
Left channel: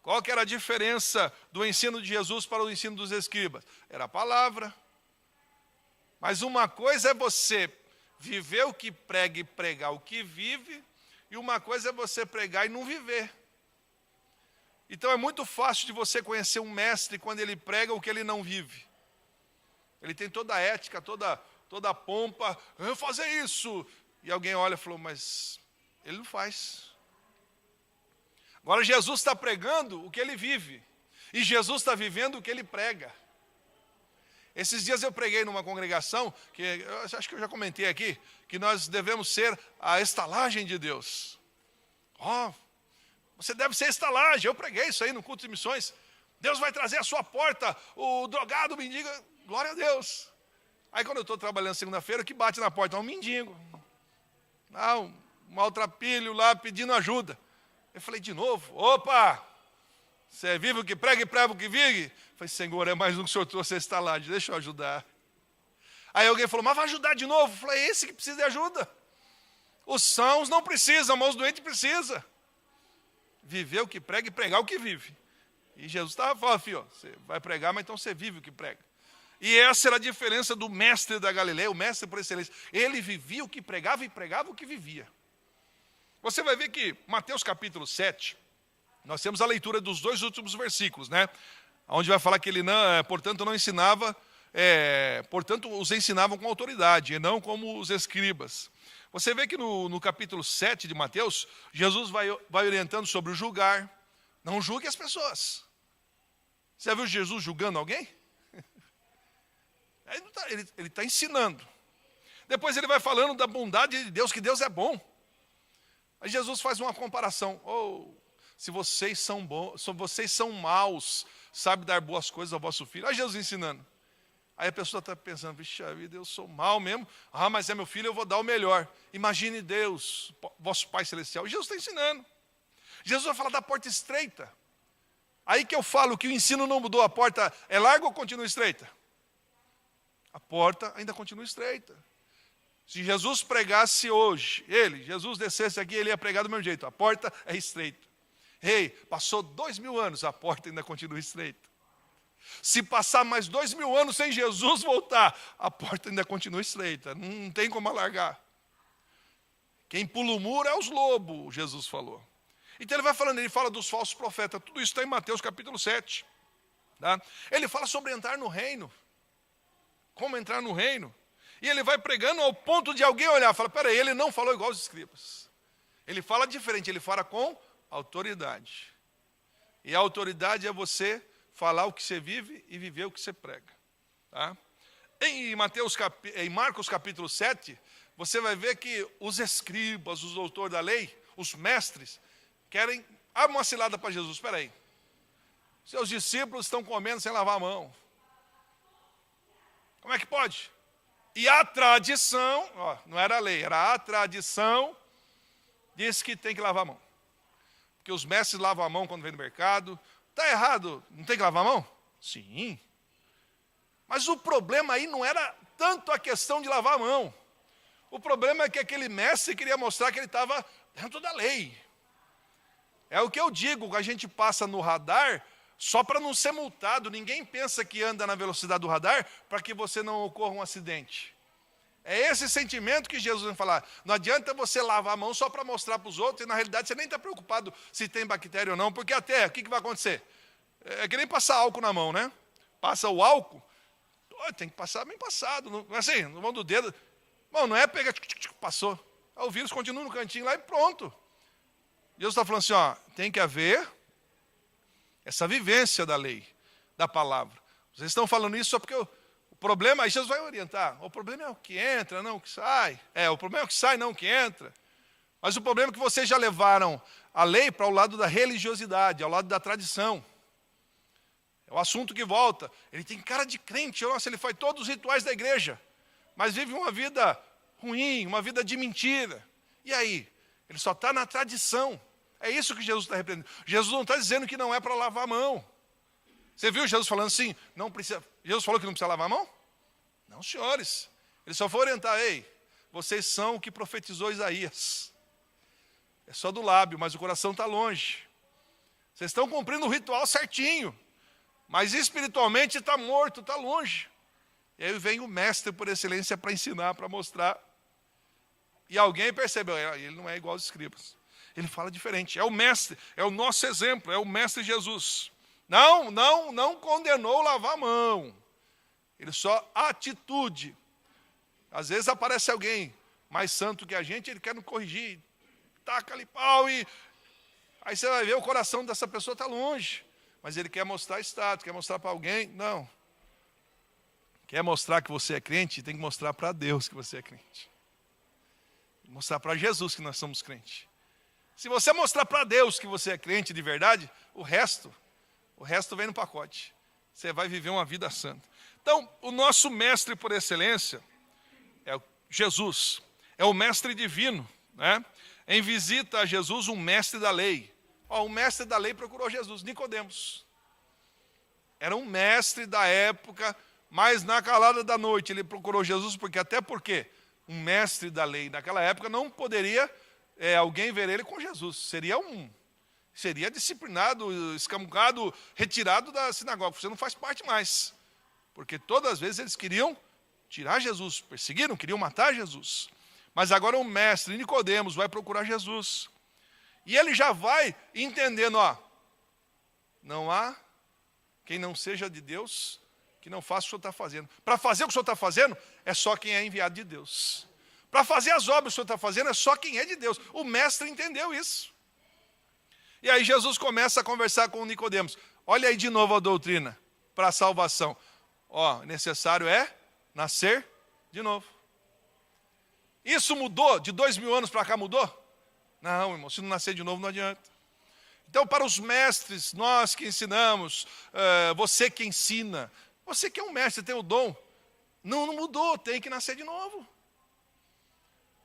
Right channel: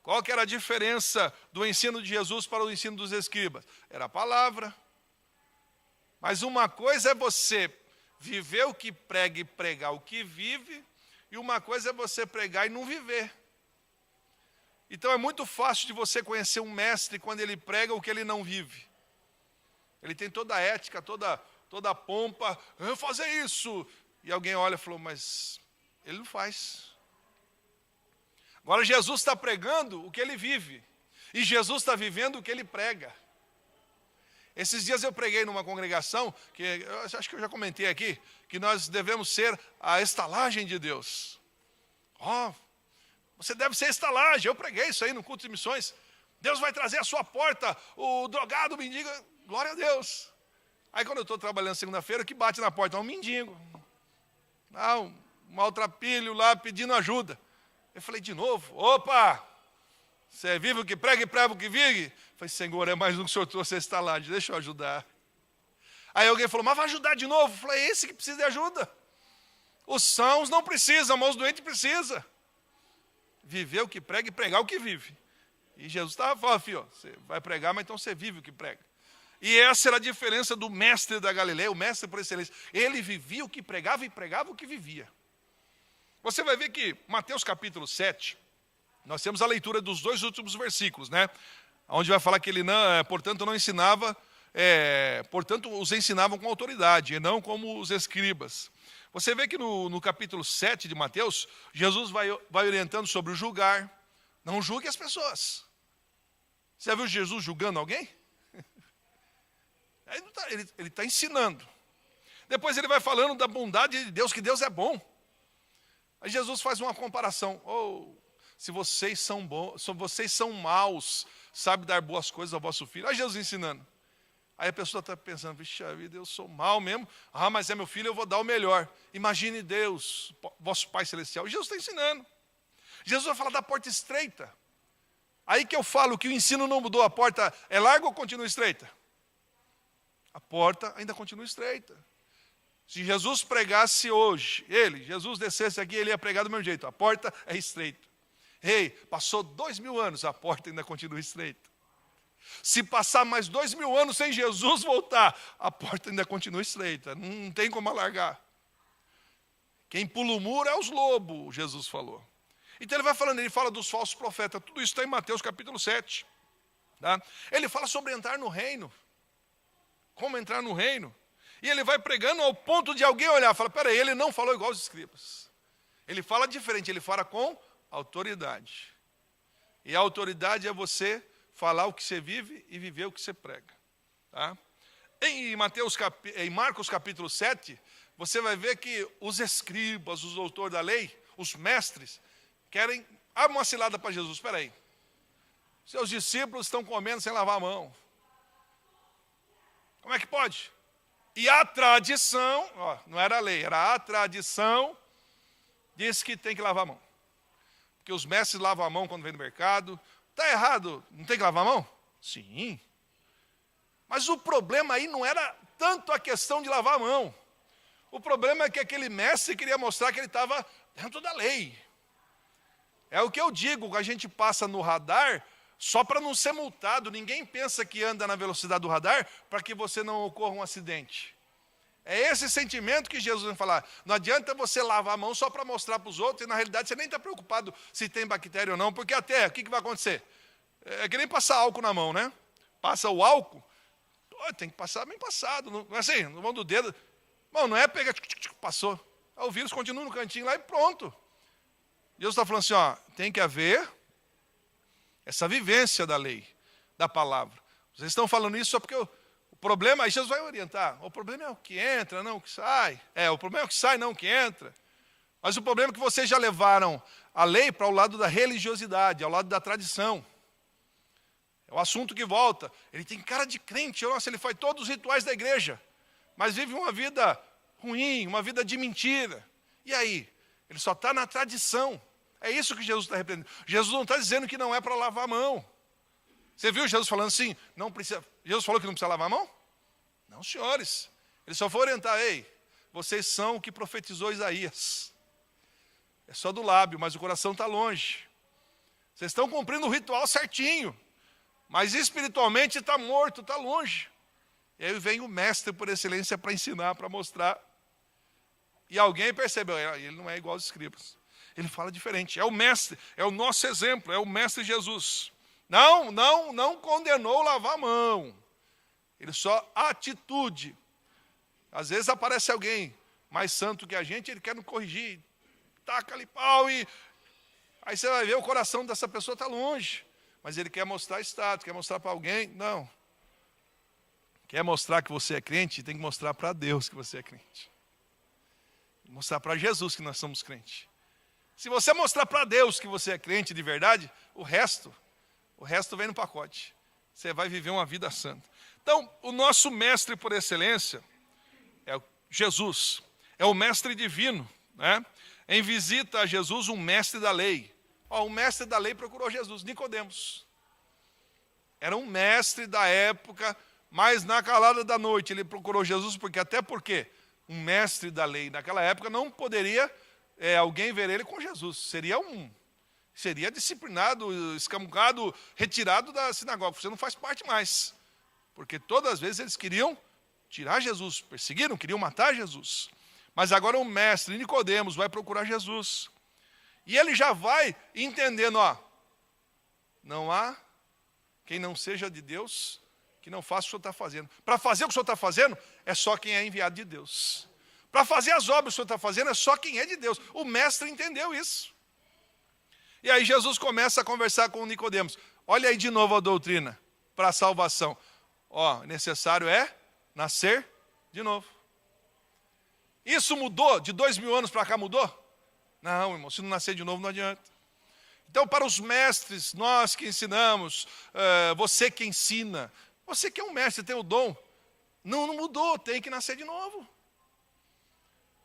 Qual que era a diferença do ensino de Jesus para o ensino dos escribas? Era a palavra. Mas uma coisa é você viver o que prega e pregar o que vive, e uma coisa é você pregar e não viver. Então é muito fácil de você conhecer um mestre quando ele prega o que ele não vive. Ele tem toda a ética, toda a pompa, eu vou fazer isso. E alguém olha e falou, mas ele não faz. Agora Jesus está pregando o que ele vive. E Jesus está vivendo o que ele prega. Esses dias eu preguei numa congregação, que eu acho que eu já comentei aqui, que nós devemos ser a estalagem de Deus. Você deve ser a estalagem. Eu preguei isso aí no culto de missões. Deus vai trazer à sua porta o drogado, o mendigo. Glória a Deus. Aí quando eu estou trabalhando segunda-feira, o que bate na porta é um mendigo. Um maltrapilho lá pedindo ajuda. Eu falei de novo, opa, você vive o que prega e prega o que vive? Eu falei, Senhor, é mais um que o Senhor trouxe a estalagem, deixa eu ajudar. Aí alguém falou, mas vai ajudar de novo? Eu falei, é esse que precisa de ajuda. Os sãos não precisam, mas os doentes precisam. Viver o que prega e pregar o que vive. E Jesus estava falando, filho, você vai pregar, mas então você vive o que prega. E essa era a diferença do mestre da Galileia, o mestre por excelência. Ele vivia o que pregava e pregava o que vivia. Você vai ver que Mateus capítulo 7, nós temos a leitura dos 2 últimos versículos, né? Onde vai falar que ele, portanto, não ensinava, portanto, os ensinavam com autoridade, e não como os escribas. Você vê que no capítulo 7 de Mateus, Jesus vai orientando sobre o julgar. Não julgue as pessoas. Você já viu Jesus julgando alguém? Ele está ensinando. Depois ele vai falando da bondade de Deus, que Deus é bom. Aí Jesus faz uma comparação. Se vocês são bons, se vocês são maus, sabe dar boas coisas ao vosso filho. Aí Jesus ensinando. Aí a pessoa está pensando, vixe, vida, eu sou mau mesmo. Mas é meu filho, eu vou dar o melhor. Imagine Deus, vosso Pai Celestial. E Jesus está ensinando. Jesus vai falar da porta estreita. Aí que eu falo que o ensino não mudou. A porta é larga ou continua estreita? A porta ainda continua estreita. Se Jesus pregasse hoje, Jesus descesse aqui, ele ia pregar do meu jeito. A porta é estreita. Passou 2000 anos, a porta ainda continua estreita. Se passar mais 2000 anos sem Jesus voltar, a porta ainda continua estreita, não tem como alargar. Quem pula o muro é os lobos, Jesus falou. Então ele vai falando, ele fala dos falsos profetas, tudo isso está em Mateus capítulo 7. Tá? Ele fala sobre entrar no reino, como entrar no reino. E ele vai pregando ao ponto de alguém olhar e falar, peraí, ele não falou igual os escribas. Ele fala diferente, ele fala com autoridade. E a autoridade é você falar o que você vive e viver o que você prega. Tá? Em Marcos capítulo 7, você vai ver que os escribas, os doutores da lei, os mestres, querem uma cilada para Jesus. Espera aí. Seus discípulos estão comendo sem lavar a mão. Como é que pode? E a tradição, não era a lei, era a tradição, diz que tem que lavar a mão. Porque os mestres lavam a mão quando vem no mercado. Está errado, não tem que lavar a mão? Sim. Mas o problema aí não era tanto a questão de lavar a mão. O problema é que aquele mestre queria mostrar que ele estava dentro da lei. É o que eu digo, a gente passa no radar só para não ser multado. Ninguém pensa que anda na velocidade do radar para que você não ocorra um acidente. É esse sentimento que Jesus vai falar. Não adianta você lavar a mão só para mostrar para os outros, e na realidade você nem está preocupado se tem bactéria ou não, porque até, o que vai acontecer? É que nem passar álcool na mão, né? Passa o álcool, tem que passar bem passado, assim, no mão do dedo. Bom, não é pegar, passou. O vírus continua no cantinho lá e pronto. Jesus está falando assim, tem que haver essa vivência da lei, da palavra. Vocês estão falando isso só porque o problema, aí Jesus vai orientar. O problema é o que entra, não o que sai. O problema é o que sai, não o que entra. Mas o problema é que vocês já levaram a lei para o lado da religiosidade, ao lado da tradição. É o assunto que volta. Ele tem cara de crente, nossa, ele faz todos os rituais da igreja, mas vive uma vida ruim, uma vida de mentira. E aí? Ele só está na tradição. É isso que Jesus está repreendendo. Jesus não está dizendo que não é para lavar a mão. Você viu Jesus falando assim, não precisa. Jesus falou que não precisa lavar a mão? Não, senhores. Ele só foi orientar, vocês são o que profetizou Isaías. É só do lábio, mas o coração está longe. Vocês estão cumprindo o ritual certinho, mas espiritualmente está morto, está longe. E aí vem o mestre por excelência para ensinar, para mostrar. E alguém percebeu, ele não é igual aos escribas. Ele fala diferente. É o mestre, é o nosso exemplo, é o mestre Jesus. Não condenou lavar a mão. Ele só atitude. Às vezes aparece alguém mais santo que a gente, ele quer nos corrigir. Taca ali pau e... Aí você vai ver, o coração dessa pessoa está longe. Mas ele quer mostrar status, quer mostrar para alguém. Não. Quer mostrar que você é crente, tem que mostrar para Deus que você é crente. Mostrar para Jesus que nós somos crentes. Se você mostrar para Deus que você é crente de verdade, o resto vem no pacote. Você vai viver uma vida santa. Então, o nosso mestre por excelência é Jesus. É o mestre divino, né? Em visita a Jesus, um mestre da lei. O mestre da lei procurou Jesus, Nicodemos. Era um mestre da época, mas na calada da noite ele procurou Jesus, porque um mestre da lei naquela época não poderia alguém ver ele com Jesus. Seria disciplinado, excomungado, retirado da sinagoga. Você não faz parte mais. Porque todas as vezes eles queriam tirar Jesus, perseguiram, queriam matar Jesus. Mas agora o mestre Nicodemos vai procurar Jesus. E ele já vai entendendo, não há quem não seja de Deus que não faça o que o senhor está fazendo. Para fazer o que o senhor está fazendo, é só quem é enviado de Deus. Para fazer as obras que o senhor está fazendo, é só quem é de Deus. O mestre entendeu isso. E aí Jesus começa a conversar com Nicodemos. Olha aí de novo a doutrina para a salvação. Necessário é nascer de novo. Isso mudou? De 2000 anos para cá mudou? Não, irmão, se não nascer de novo não adianta. Então, para os mestres, nós que ensinamos, você que ensina, você que é um mestre, tem o dom, não mudou, tem que nascer de novo.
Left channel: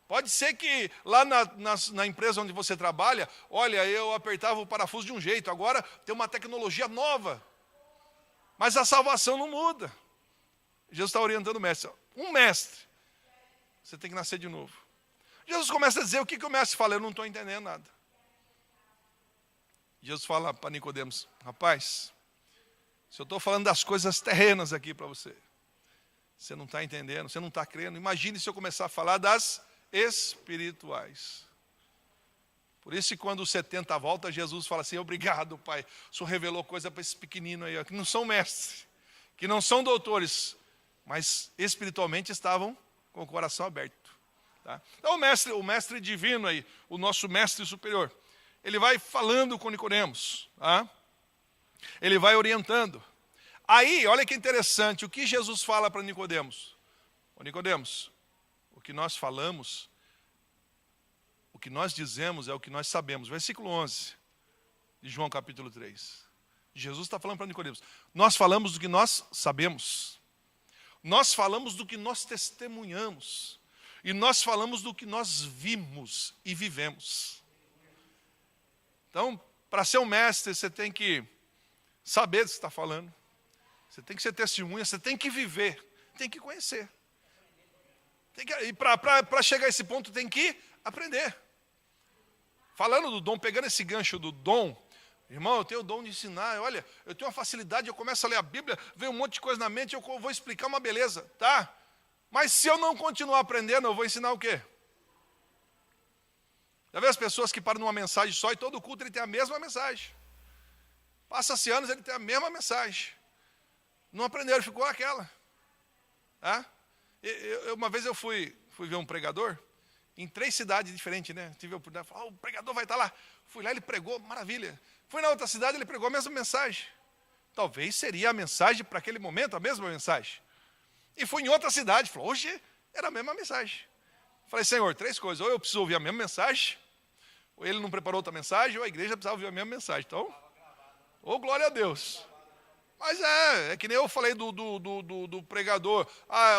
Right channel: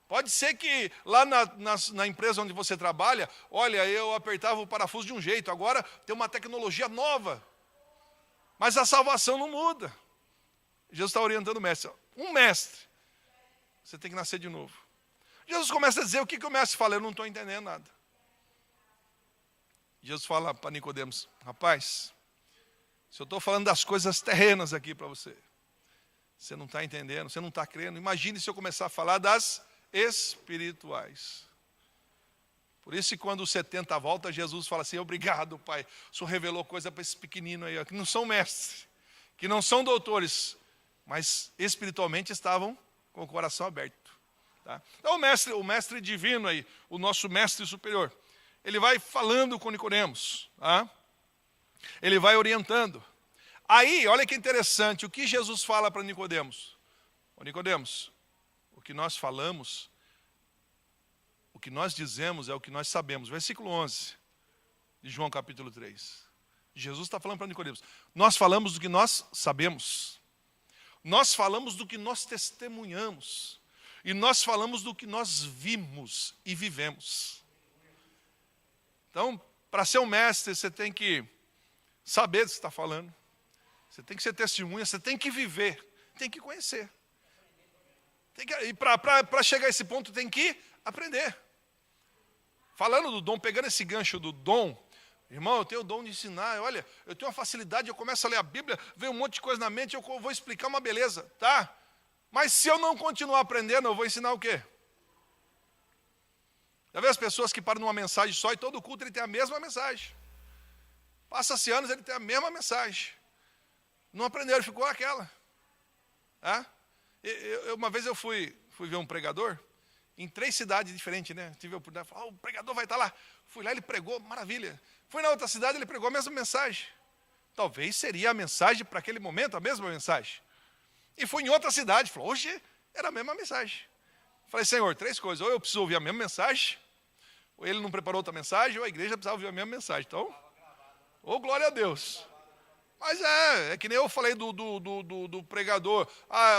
Pode ser que lá na empresa onde você trabalha, olha, eu apertava o parafuso de um jeito, agora tem uma tecnologia nova. Mas a salvação não muda. Jesus está orientando o mestre. Um mestre, você tem que nascer de novo. Jesus começa a dizer, o que o mestre fala? Eu não estou entendendo nada. Jesus fala para Nicodemos, rapaz, Se eu estou falando das coisas terrenas aqui para você, você não está entendendo, você não está crendo. Imagine se eu começar a falar das espirituais. Por isso que quando os 70 volta, Jesus fala assim, obrigado, Pai, o Senhor revelou coisa para esses pequeninos aí, ó, que não são mestres, que não são doutores, mas espiritualmente estavam com o coração aberto. Tá? Então o mestre divino aí, o nosso mestre superior, ele vai falando com Nicodemos, tá? Ele vai orientando. Aí, olha que interessante, o que Jesus fala para Nicodemos? Ô Nicodemos, o que nós falamos, o que nós dizemos é o que nós sabemos. Versículo 11 de João capítulo 3. Jesus está falando para Nicodemos, nós falamos do que nós sabemos. Nós falamos do que nós testemunhamos. E nós falamos do que nós vimos e vivemos. Então, para ser um mestre, você tem que saber do que você está falando. Você tem que ser testemunha, você tem que viver, tem que conhecer. E para chegar a esse ponto, tem que aprender. Falando do dom, pegando esse gancho do dom, irmão, eu tenho o dom de ensinar, olha, eu tenho uma facilidade, eu começo a ler a Bíblia, vem um monte de coisa na mente, eu vou explicar uma beleza, tá? Mas se eu não continuar aprendendo, eu vou ensinar o quê? Já vê as pessoas que param numa mensagem só e todo culto ele tem a mesma mensagem. Passa-se anos, ele tem a mesma mensagem. Não aprendeu, ele ficou aquela. Tá? Uma vez eu fui ver um pregador, em 3 cidades diferentes, né? Tive a oportunidade de falar, o pregador vai estar lá. Fui lá, ele pregou, maravilha. Fui na outra cidade, ele pregou a mesma mensagem. Talvez seria a mensagem para aquele momento, a mesma mensagem. E fui em outra cidade, falou, hoje era a mesma mensagem. Falei, Senhor, 3 coisas, ou eu preciso ouvir a mesma mensagem, ou ele não preparou outra mensagem, ou a igreja precisava ouvir a mesma mensagem. Então, glória a Deus. Mas é que nem eu falei do pregador,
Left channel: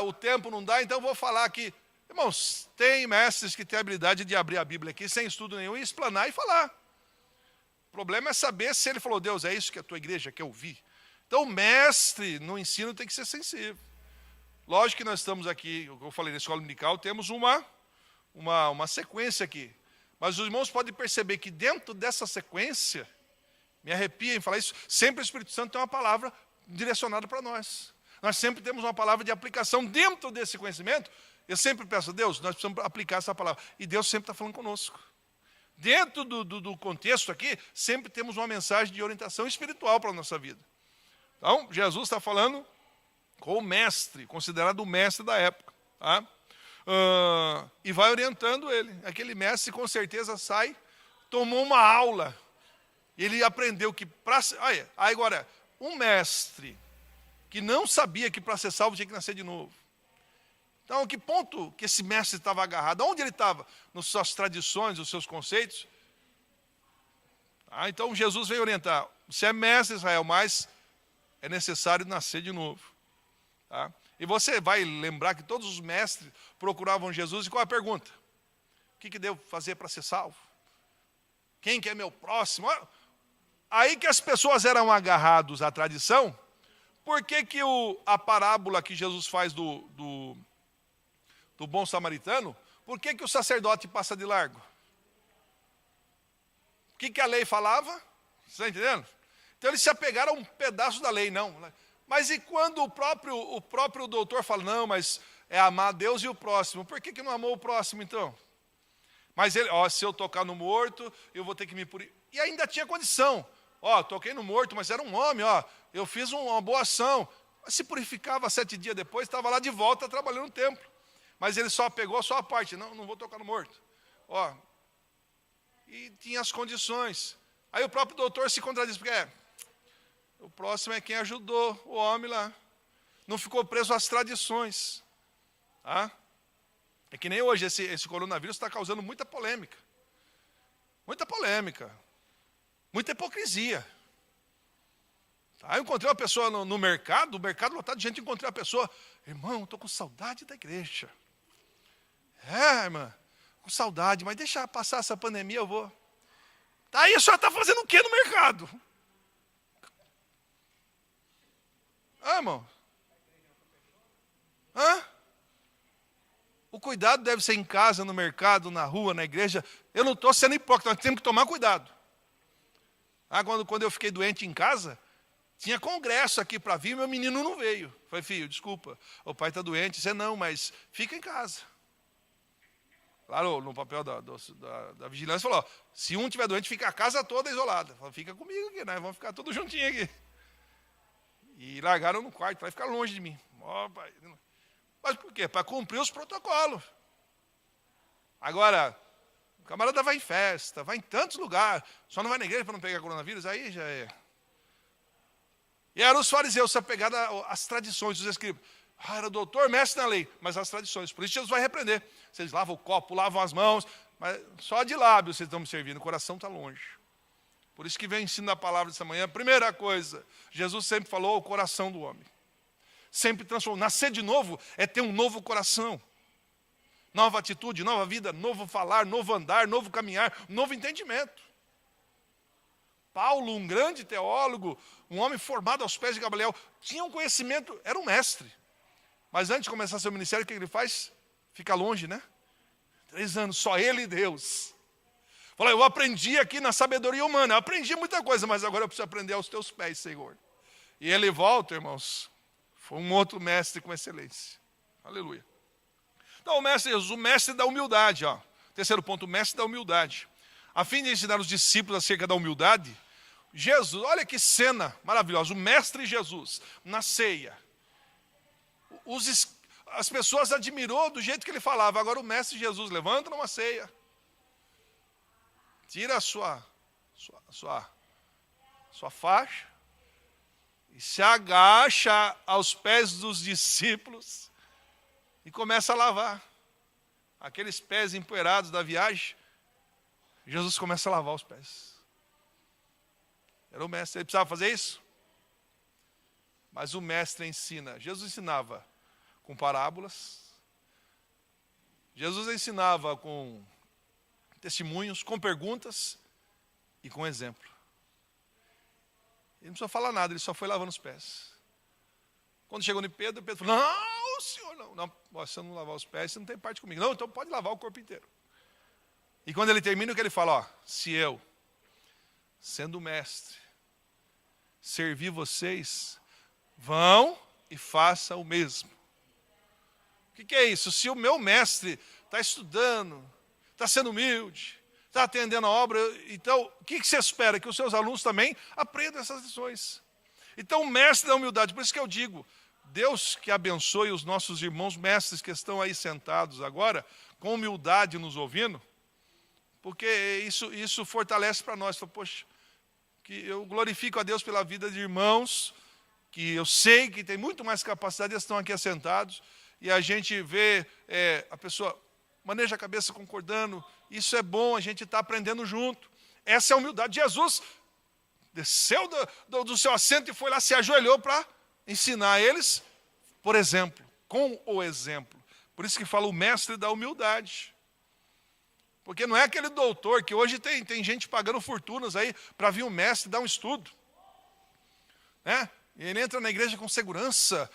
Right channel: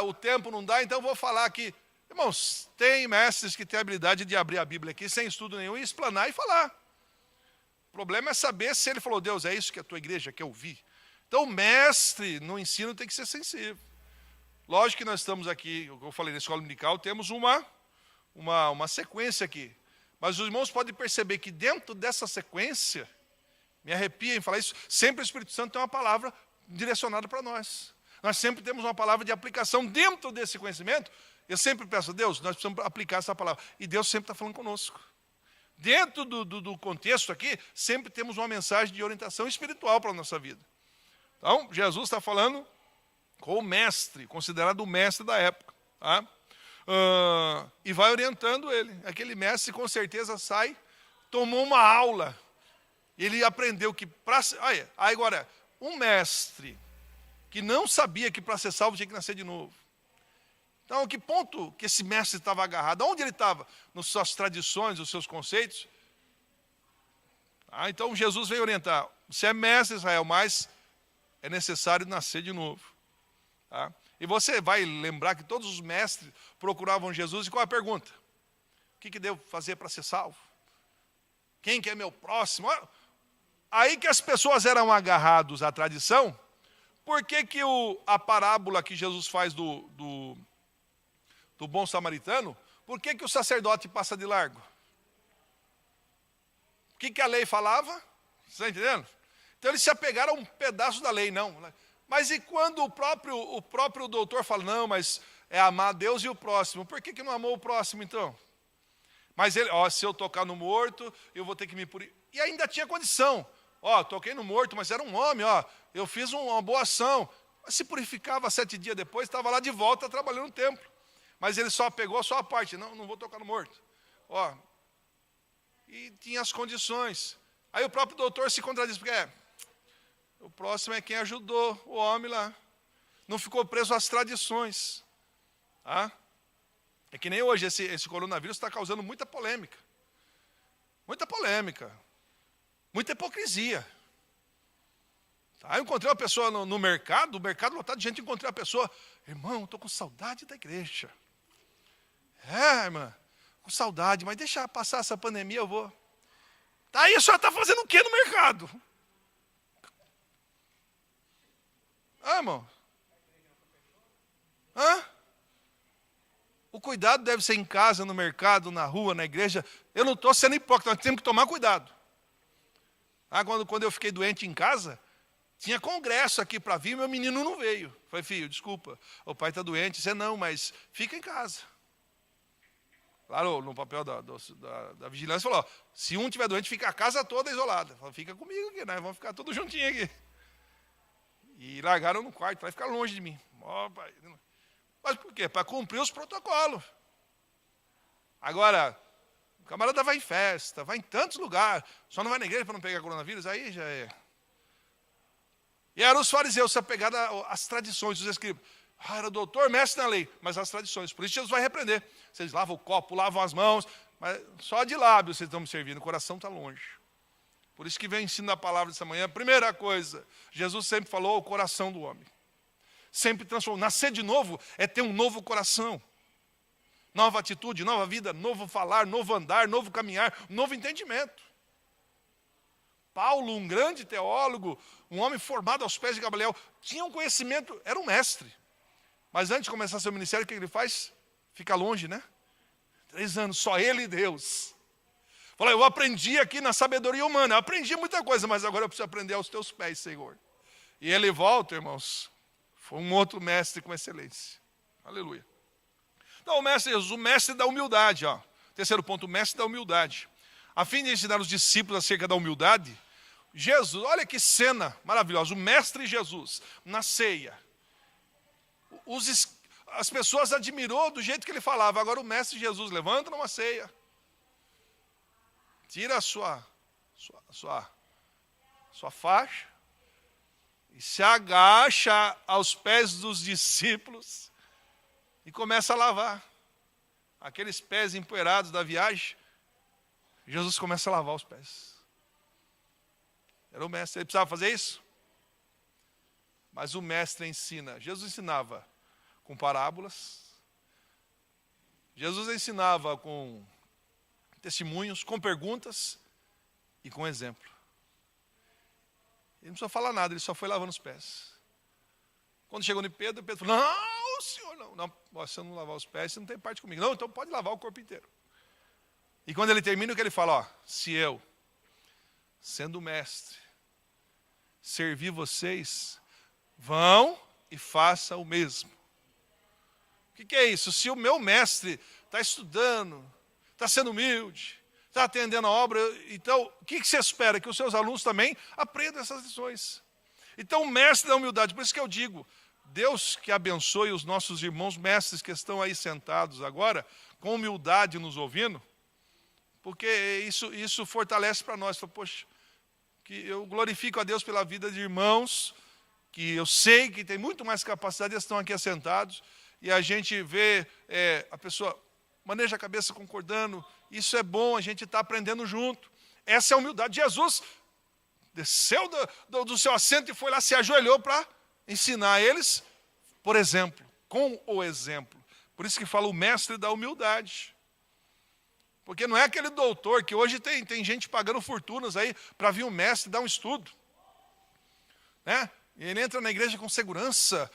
o tempo não dá, então eu vou falar aqui. Irmãos, tem mestres que têm a habilidade de abrir a Bíblia aqui, sem estudo nenhum, e explanar e falar. O problema é saber se ele falou, Deus, é isso que a tua igreja quer ouvir. Então, mestre no ensino tem que ser sensível. Lógico que nós estamos aqui, como eu falei, na escola dominical, temos uma sequência aqui. Mas os irmãos podem perceber que dentro dessa sequência, me arrepia em falar isso, sempre o Espírito Santo tem uma palavra direcionada para nós. Nós sempre temos uma palavra de aplicação dentro desse conhecimento. Eu sempre peço a Deus, nós precisamos aplicar essa palavra. E Deus sempre está falando conosco. Dentro do contexto aqui, sempre temos uma mensagem de orientação espiritual para a nossa vida. Então, Jesus está falando com o mestre, considerado o mestre da época. Tá? E vai orientando ele. Aquele mestre com certeza sai, tomou uma aula. Ele aprendeu que agora, um mestre que não sabia que para ser salvo tinha que nascer de novo. Então, a que ponto que esse mestre estava agarrado? Onde ele estava? Nas suas tradições, nos seus conceitos? Então, Jesus veio orientar. Você é mestre, Israel, mas é necessário nascer de novo. Tá? E você vai lembrar que todos os mestres procuravam Jesus. E qual a pergunta? O que devo fazer para ser salvo? Quem que é meu próximo? Aí que as pessoas eram agarrados à tradição, por que a parábola que Jesus faz do bom samaritano, por que o sacerdote passa de largo? O que a lei falava? Você está entendendo? Então eles se apegaram a um pedaço da lei, não. Né? Mas e quando o próprio doutor fala, não, mas é amar Deus e o próximo, por que não amou o próximo então? Mas ele, se eu tocar no morto, eu vou ter que me purificar. E ainda tinha condição. Toquei no morto, mas era um homem, eu fiz uma boa ação. Se purificava 7 dias depois, estava lá de volta trabalhando no templo. Mas ele só pegou só a parte, não vou tocar no morto. E tinha as condições. Aí o próprio doutor se contradiz, porque o próximo é quem ajudou o homem lá. Não ficou preso às tradições. Tá? É que nem hoje, esse coronavírus está causando muita polêmica. Muita polêmica. Muita hipocrisia. Tá? Eu encontrei uma pessoa no mercado, o mercado lotado de gente, encontrei uma pessoa, irmão, estou com saudade da igreja. Irmã, com saudade, mas deixa passar essa pandemia, eu vou. Tá, aí a senhora está fazendo o que no mercado? Irmão? O cuidado deve ser em casa, no mercado, na rua, na igreja. Eu não estou sendo hipócrita, nós temos que tomar cuidado. Quando eu fiquei doente em casa, Tinha congresso aqui para vir, meu menino não veio. Falei, filho, desculpa, o pai está doente. Você não, mas fica em casa. Lá no papel da vigilância, falou, se um tiver doente, fica a casa toda isolada. Falei, fica comigo aqui, nós vamos ficar todos juntinhos aqui. E largaram no quarto, vai ficar longe de mim. Pai. Mas por quê? Para cumprir os protocolos. Agora, o camarada vai em festa, vai em tantos lugares, só não vai na igreja para não pegar coronavírus, aí já é. E eram os fariseus apegados às tradições, os escribas. Era doutor, mestre na lei, mas as tradições. Por isso Jesus vai repreender. Vocês lavam o copo, lavam as mãos, mas só de lábio vocês estão me servindo, o coração está longe. Por isso que vem o ensino da palavra dessa manhã. Primeira coisa, Jesus sempre falou o coração do homem. Sempre transformou. Nascer de novo é ter um novo coração. Nova atitude, nova vida, novo falar, novo andar, novo caminhar, novo entendimento. Paulo, um grande teólogo, um homem formado aos pés de Gamaliel, tinha um conhecimento, era um mestre. Mas antes de começar seu ministério, o que ele faz? Fica longe, né? 3 anos, só ele e Deus. Fala, eu aprendi aqui na sabedoria humana, eu aprendi muita coisa, mas agora eu preciso aprender aos teus pés, Senhor. E ele volta, irmãos, foi um outro mestre com excelência. Aleluia. Então, o mestre Jesus, o mestre da humildade. Ó. Terceiro ponto, o mestre da humildade. A fim de ensinar os discípulos acerca da humildade, Jesus, olha que cena maravilhosa, o mestre Jesus, na ceia. As pessoas admirou do jeito que ele falava. Agora o mestre Jesus levanta numa ceia, tira a sua faixa e se agacha aos pés dos discípulos e começa a lavar aqueles pés empoeirados da viagem. Jesus começa a lavar os pés. Era o mestre, ele precisava fazer isso? Mas o mestre ensina. Jesus ensinava com parábolas. Jesus ensinava com testemunhos, com perguntas e com exemplo. Ele não precisou falar nada, ele só foi lavando os pés. Quando chegou em Pedro, Pedro falou, não, senhor, não, você não lavar os pés, você não tem parte comigo. Não, então pode lavar o corpo inteiro. E quando ele termina, o que ele fala? Ó, se eu, sendo mestre, servir vocês, vão e façam o mesmo. O que é isso? Se o meu mestre está estudando, está sendo humilde, está atendendo a obra, então, o que você espera? Que os seus alunos também aprendam essas lições. Então, o mestre da humildade, por isso que eu digo, Deus que abençoe os nossos irmãos mestres que estão aí sentados agora, com humildade nos ouvindo, porque isso fortalece para nós. Poxa, que eu glorifico a Deus pela vida de irmãos, que eu sei que tem muito mais capacidade, eles estão aqui assentados, e a gente vê a pessoa maneja a cabeça concordando, isso é bom, a gente está aprendendo junto. Essa é a humildade. Jesus desceu do seu assento e foi lá, se ajoelhou para ensinar eles, por exemplo, com o exemplo. Por isso que fala o mestre da humildade. Porque não é aquele doutor que hoje tem gente pagando fortunas aí para vir um mestre dar um estudo. Né? Ele entra na igreja com segurança,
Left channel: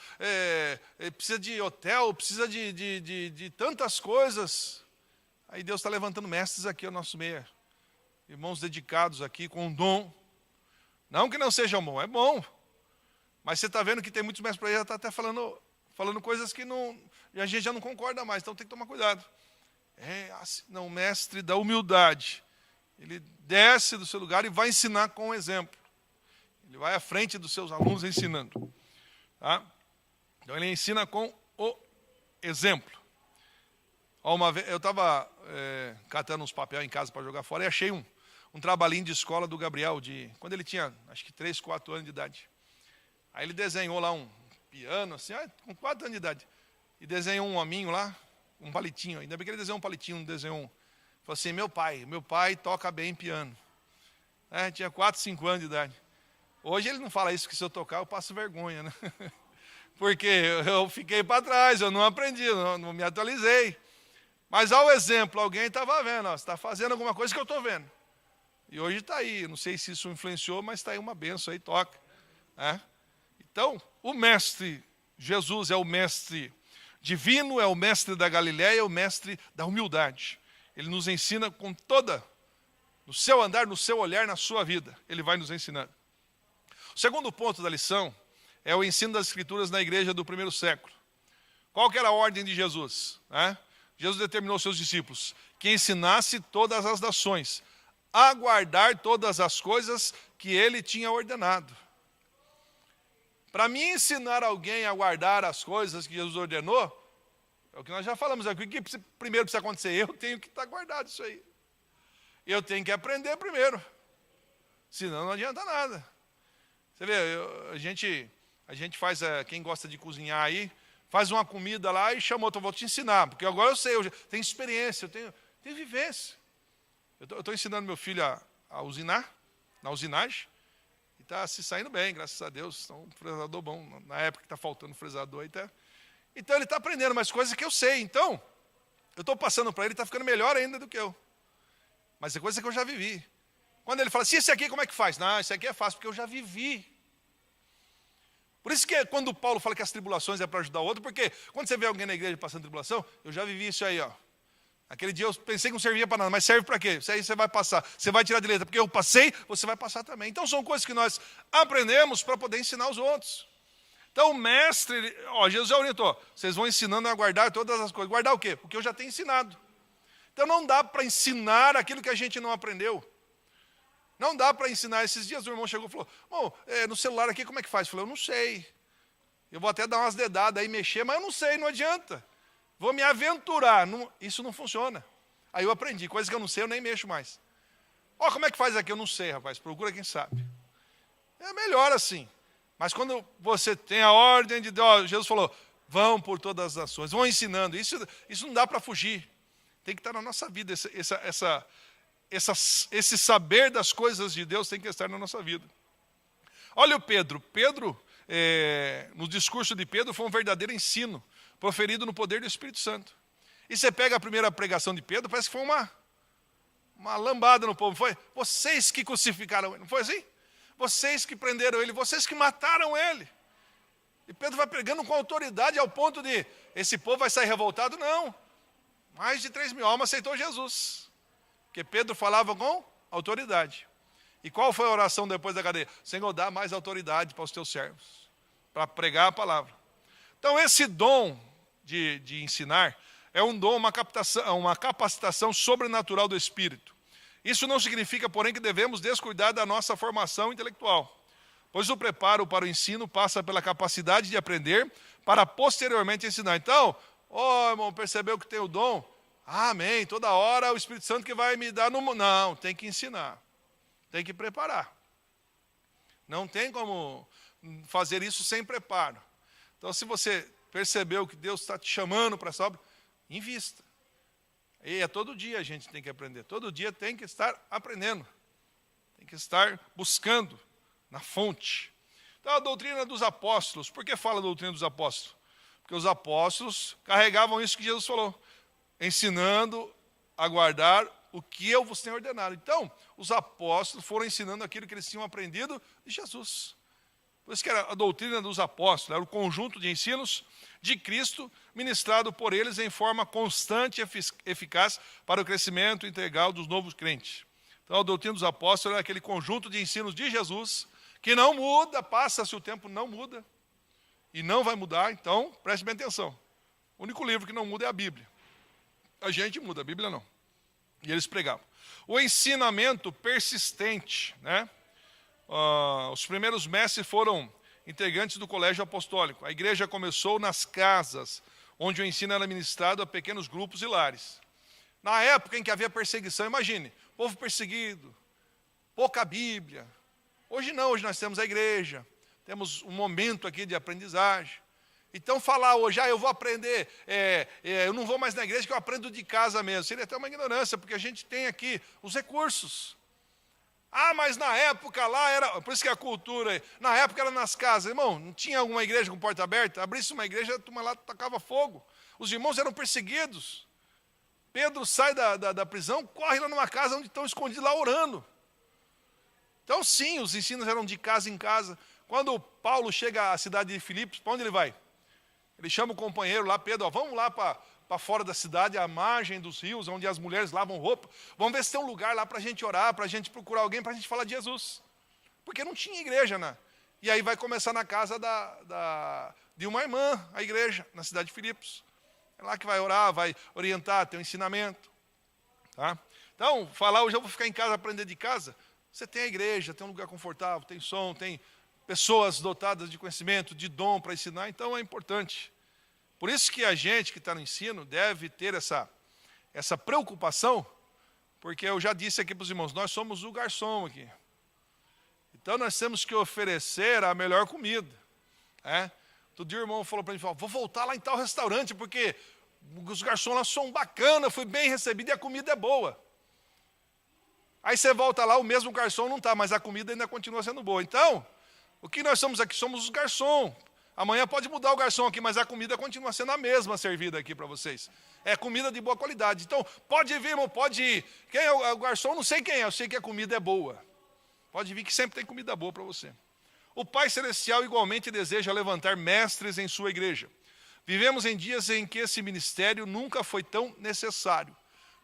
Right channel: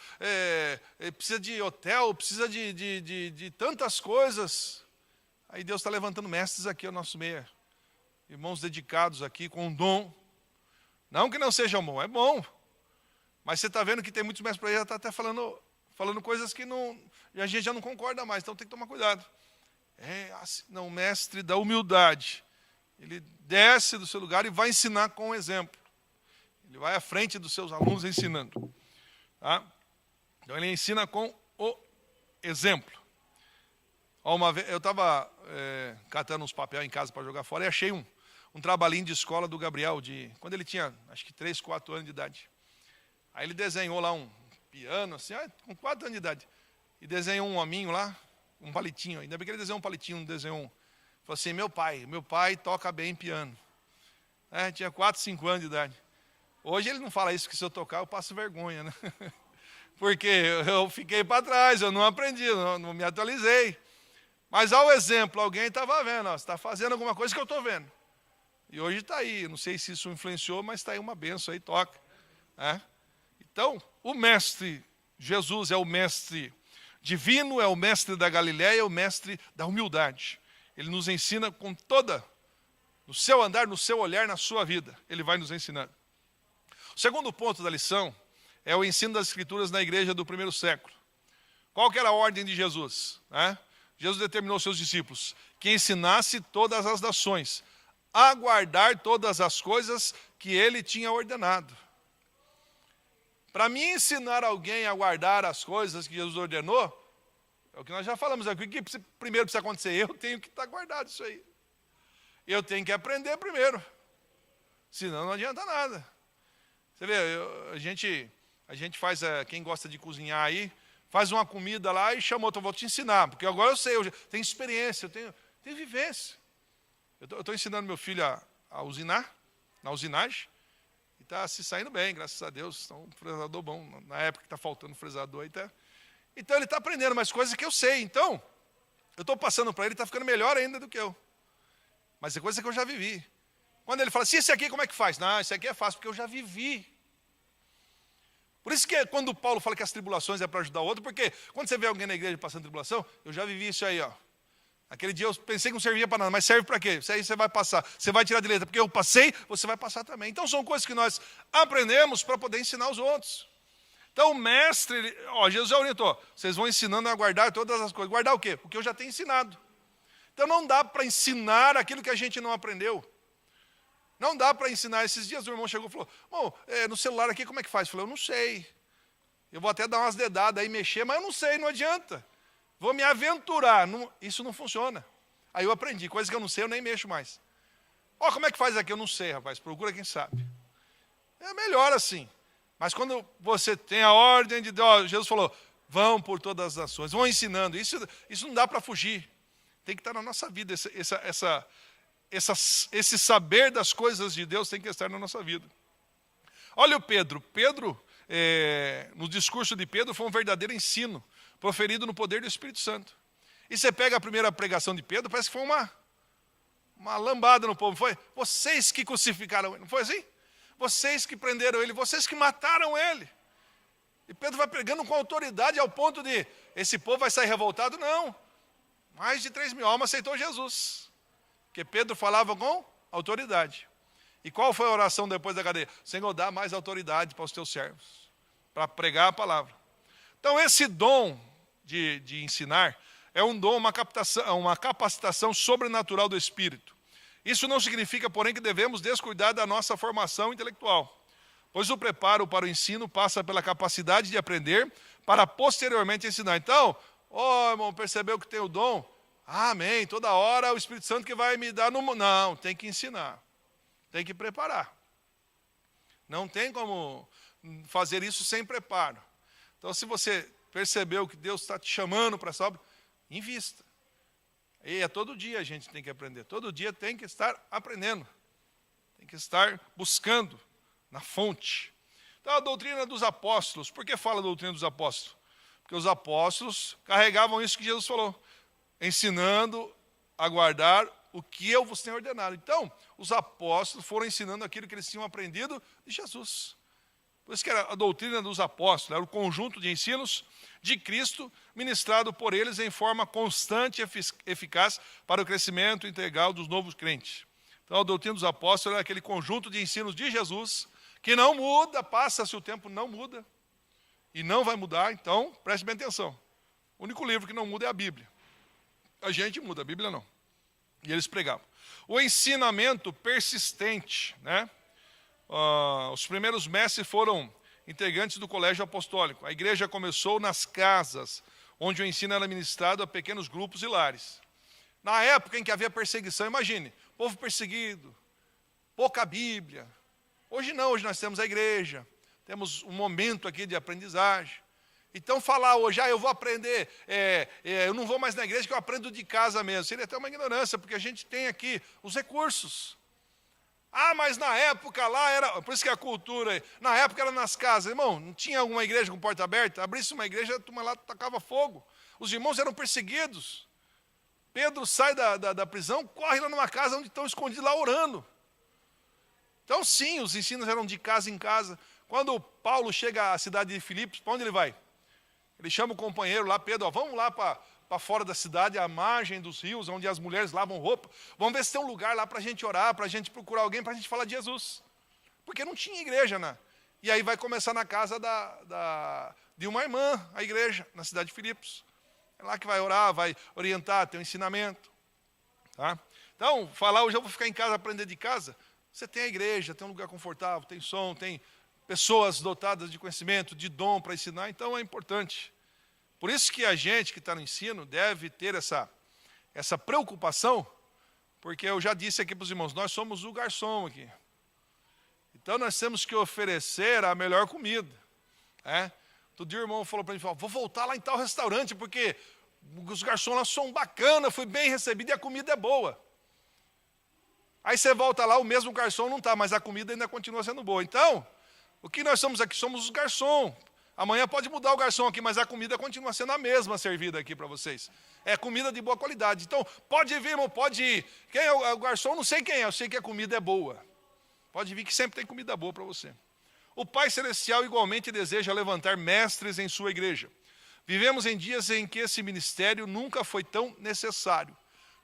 precisa de hotel, precisa de tantas coisas. Aí Deus está levantando mestres aqui ao nosso meio. Irmãos dedicados aqui com um dom. Não que não seja bom, é bom. Mas você está vendo que tem muitos mestres por aí, já está até falando coisas que a gente já não concorda mais, então tem que tomar cuidado. O mestre da humildade. Ele desce do seu lugar e vai ensinar com um exemplo. Ele vai à frente dos seus alunos ensinando. Tá? Então ele ensina com o exemplo. Uma vez, eu estava catando uns papéis em casa para jogar fora e achei um trabalhinho de escola do Gabriel, quando ele tinha, acho que 3, 4 anos de idade. Aí ele desenhou lá um piano, assim, com 4 anos de idade. E desenhou um hominho lá, um palitinho. Ainda bem que ele desenhou um palitinho, não desenhou um. Falou assim, meu pai toca bem piano. Tinha 4, 5 anos de idade. Hoje ele não fala isso, que se eu tocar eu passo vergonha, né? Porque eu fiquei para trás, eu não aprendi, não me atualizei. Mas ao exemplo, alguém estava vendo, você está fazendo alguma coisa que eu estou vendo. E hoje está aí, não sei se isso influenciou, mas está aí uma benção aí, toca. Né? Então, o mestre Jesus é o mestre divino, é o mestre da Galileia, é o mestre da humildade. Ele nos ensina no seu andar, no seu olhar, na sua vida. Ele vai nos ensinando. O segundo ponto da lição é o ensino das Escrituras na igreja do primeiro século. Qual que era a ordem de Jesus? Jesus determinou aos seus discípulos que ensinasse todas as nações a guardar todas as coisas que ele tinha ordenado. Para mim ensinar alguém a guardar as coisas que Jesus ordenou, é o que nós já falamos, o que primeiro precisa acontecer? Eu tenho que estar guardado isso aí. Eu tenho que aprender primeiro, senão não adianta nada. Você vê, a gente faz, quem gosta de cozinhar aí, faz uma comida lá e chama outro, vou te ensinar, porque agora eu sei, eu tenho experiência, eu tenho vivência. Eu estou ensinando meu filho a usinar, na usinagem, e está se saindo bem, graças a Deus. Então, um fresador bom, na época que está faltando fresador, então ele está aprendendo mais coisas que eu sei. Então, eu estou passando para ele, está ficando melhor ainda do que eu. Mas é coisa que eu já vivi. Quando ele fala assim, esse aqui como é que faz? Não, esse aqui é fácil, porque eu já vivi. Por isso que quando Paulo fala que as tribulações é para ajudar o outro, porque quando você vê alguém na igreja passando tribulação, eu já vivi isso aí, ó. Aquele dia eu pensei que não servia para nada, mas serve para quê? Isso aí você vai passar, você vai tirar de letra, porque eu passei, você vai passar também. Então são coisas que nós aprendemos para poder ensinar os outros. Então o mestre, Jesus já orientou, vocês vão ensinando a guardar todas as coisas. Guardar o quê? O que eu já tenho ensinado. Então não dá para ensinar aquilo que a gente não aprendeu. Não dá para ensinar. Esses dias o irmão chegou e falou, no celular aqui como é que faz? Eu falei, eu não sei. Eu vou até dar umas dedadas aí, mexer, mas eu não sei, não adianta. Vou me aventurar. Isso não funciona. Aí eu aprendi, coisas que eu não sei, eu nem mexo mais. Como é que faz aqui? Eu não sei, rapaz. Procura quem sabe. É melhor assim. Mas quando você tem a ordem de Deus, Jesus falou, vão por todas as nações, vão ensinando. Isso não dá para fugir. Tem que estar na nossa vida. Esse saber das coisas de Deus tem que estar na nossa vida. Olha o Pedro. Pedro, no discurso de Pedro, foi um verdadeiro ensino, proferido no poder do Espírito Santo. E você pega a primeira pregação de Pedro, parece que foi uma lambada no povo. Foi vocês que crucificaram ele, não foi assim? Vocês que prenderam ele, vocês que mataram ele. E Pedro vai pregando com autoridade ao ponto de, esse povo vai sair revoltado? Não. Mais de 3 mil almas aceitou Jesus. Porque Pedro falava com autoridade. E qual foi a oração depois da cadeia? Senhor, dá mais autoridade para os teus servos, para pregar a palavra. Então esse dom de ensinar é um dom, uma capacitação sobrenatural do Espírito. Isso não significa, porém, que devemos descuidar da nossa formação intelectual, pois o preparo para o ensino passa pela capacidade de aprender para posteriormente ensinar. Então, irmão, percebeu que tem o dom? Amém, toda hora o Espírito Santo que vai me dar não, tem que ensinar, tem que preparar. Não tem como fazer isso sem preparo. Então, se você percebeu que Deus está te chamando para essa obra, invista. E todo dia a gente tem que aprender. Todo dia tem que estar aprendendo. Tem que estar buscando na fonte. Então, a doutrina dos apóstolos. Por que fala a doutrina dos apóstolos? Porque os apóstolos carregavam isso que Jesus falou. Ensinando a guardar o que eu vos tenho ordenado. Então, os apóstolos foram ensinando aquilo que eles tinham aprendido de Jesus. Por isso que era a doutrina dos apóstolos, era o conjunto de ensinos de Cristo, ministrado por eles em forma constante e eficaz para o crescimento integral dos novos crentes. Então, a doutrina dos apóstolos é aquele conjunto de ensinos de Jesus, que não muda, passa-se o tempo, não muda, e não vai mudar. Então, preste bem atenção. O único livro que não muda é a Bíblia. A gente muda, a Bíblia não. E eles pregavam. O ensinamento persistente, né? Os primeiros mestres foram integrantes do colégio apostólico. A igreja começou nas casas, onde o ensino era ministrado a pequenos grupos e lares. Na época em que havia perseguição, imagine, povo perseguido, pouca Bíblia. Hoje não, hoje nós temos a igreja, temos um momento aqui de aprendizagem. Então falar hoje, eu vou aprender, eu não vou mais na igreja, que eu aprendo de casa mesmo. Seria até uma ignorância, porque a gente tem aqui os recursos. Mas na época lá era, por isso que a cultura, na época era nas casas. Irmão, não tinha uma igreja com porta aberta? Abrisse uma igreja, a turma lá tacava fogo. Os irmãos eram perseguidos. Pedro sai da prisão, corre lá numa casa onde estão escondidos lá orando. Então sim, os ensinos eram de casa em casa. Quando Paulo chega à cidade de Filipos, para onde ele vai? Ele chama o companheiro lá, Pedro, vamos lá para fora da cidade, à margem dos rios, onde as mulheres lavam roupa. Vamos ver se tem um lugar lá para a gente orar, para a gente procurar alguém, para a gente falar de Jesus. Porque não tinha igreja, né? E aí vai começar na casa de uma irmã, a igreja, na cidade de Filipos. É lá que vai orar, vai orientar, tem um ensinamento. Tá? Então, falar, hoje eu vou ficar em casa, aprender de casa. Você tem a igreja, tem um lugar confortável, tem som, tem pessoas dotadas de conhecimento, de dom para ensinar, então é importante. Por isso que a gente que está no ensino deve ter essa preocupação, porque eu já disse aqui para os irmãos, nós somos o garçom aqui. Então nós temos que oferecer a melhor comida. Todo dia o irmão falou para mim, vou voltar lá em tal restaurante, porque os garçons lá são bacanas, fui bem recebido e a comida é boa. Aí você volta lá, o mesmo garçom não está, mas a comida ainda continua sendo boa. Então, o que nós somos aqui? Somos os garçons. Amanhã pode mudar o garçom aqui, mas a comida continua sendo a mesma servida aqui para vocês. É comida de boa qualidade. Então, pode vir, irmão, pode ir. Quem é o garçom? Não sei quem é, eu sei que a comida é boa. Pode vir que sempre tem comida boa para você. O Pai Celestial igualmente deseja levantar mestres em sua igreja. Vivemos em dias em que esse ministério nunca foi tão necessário.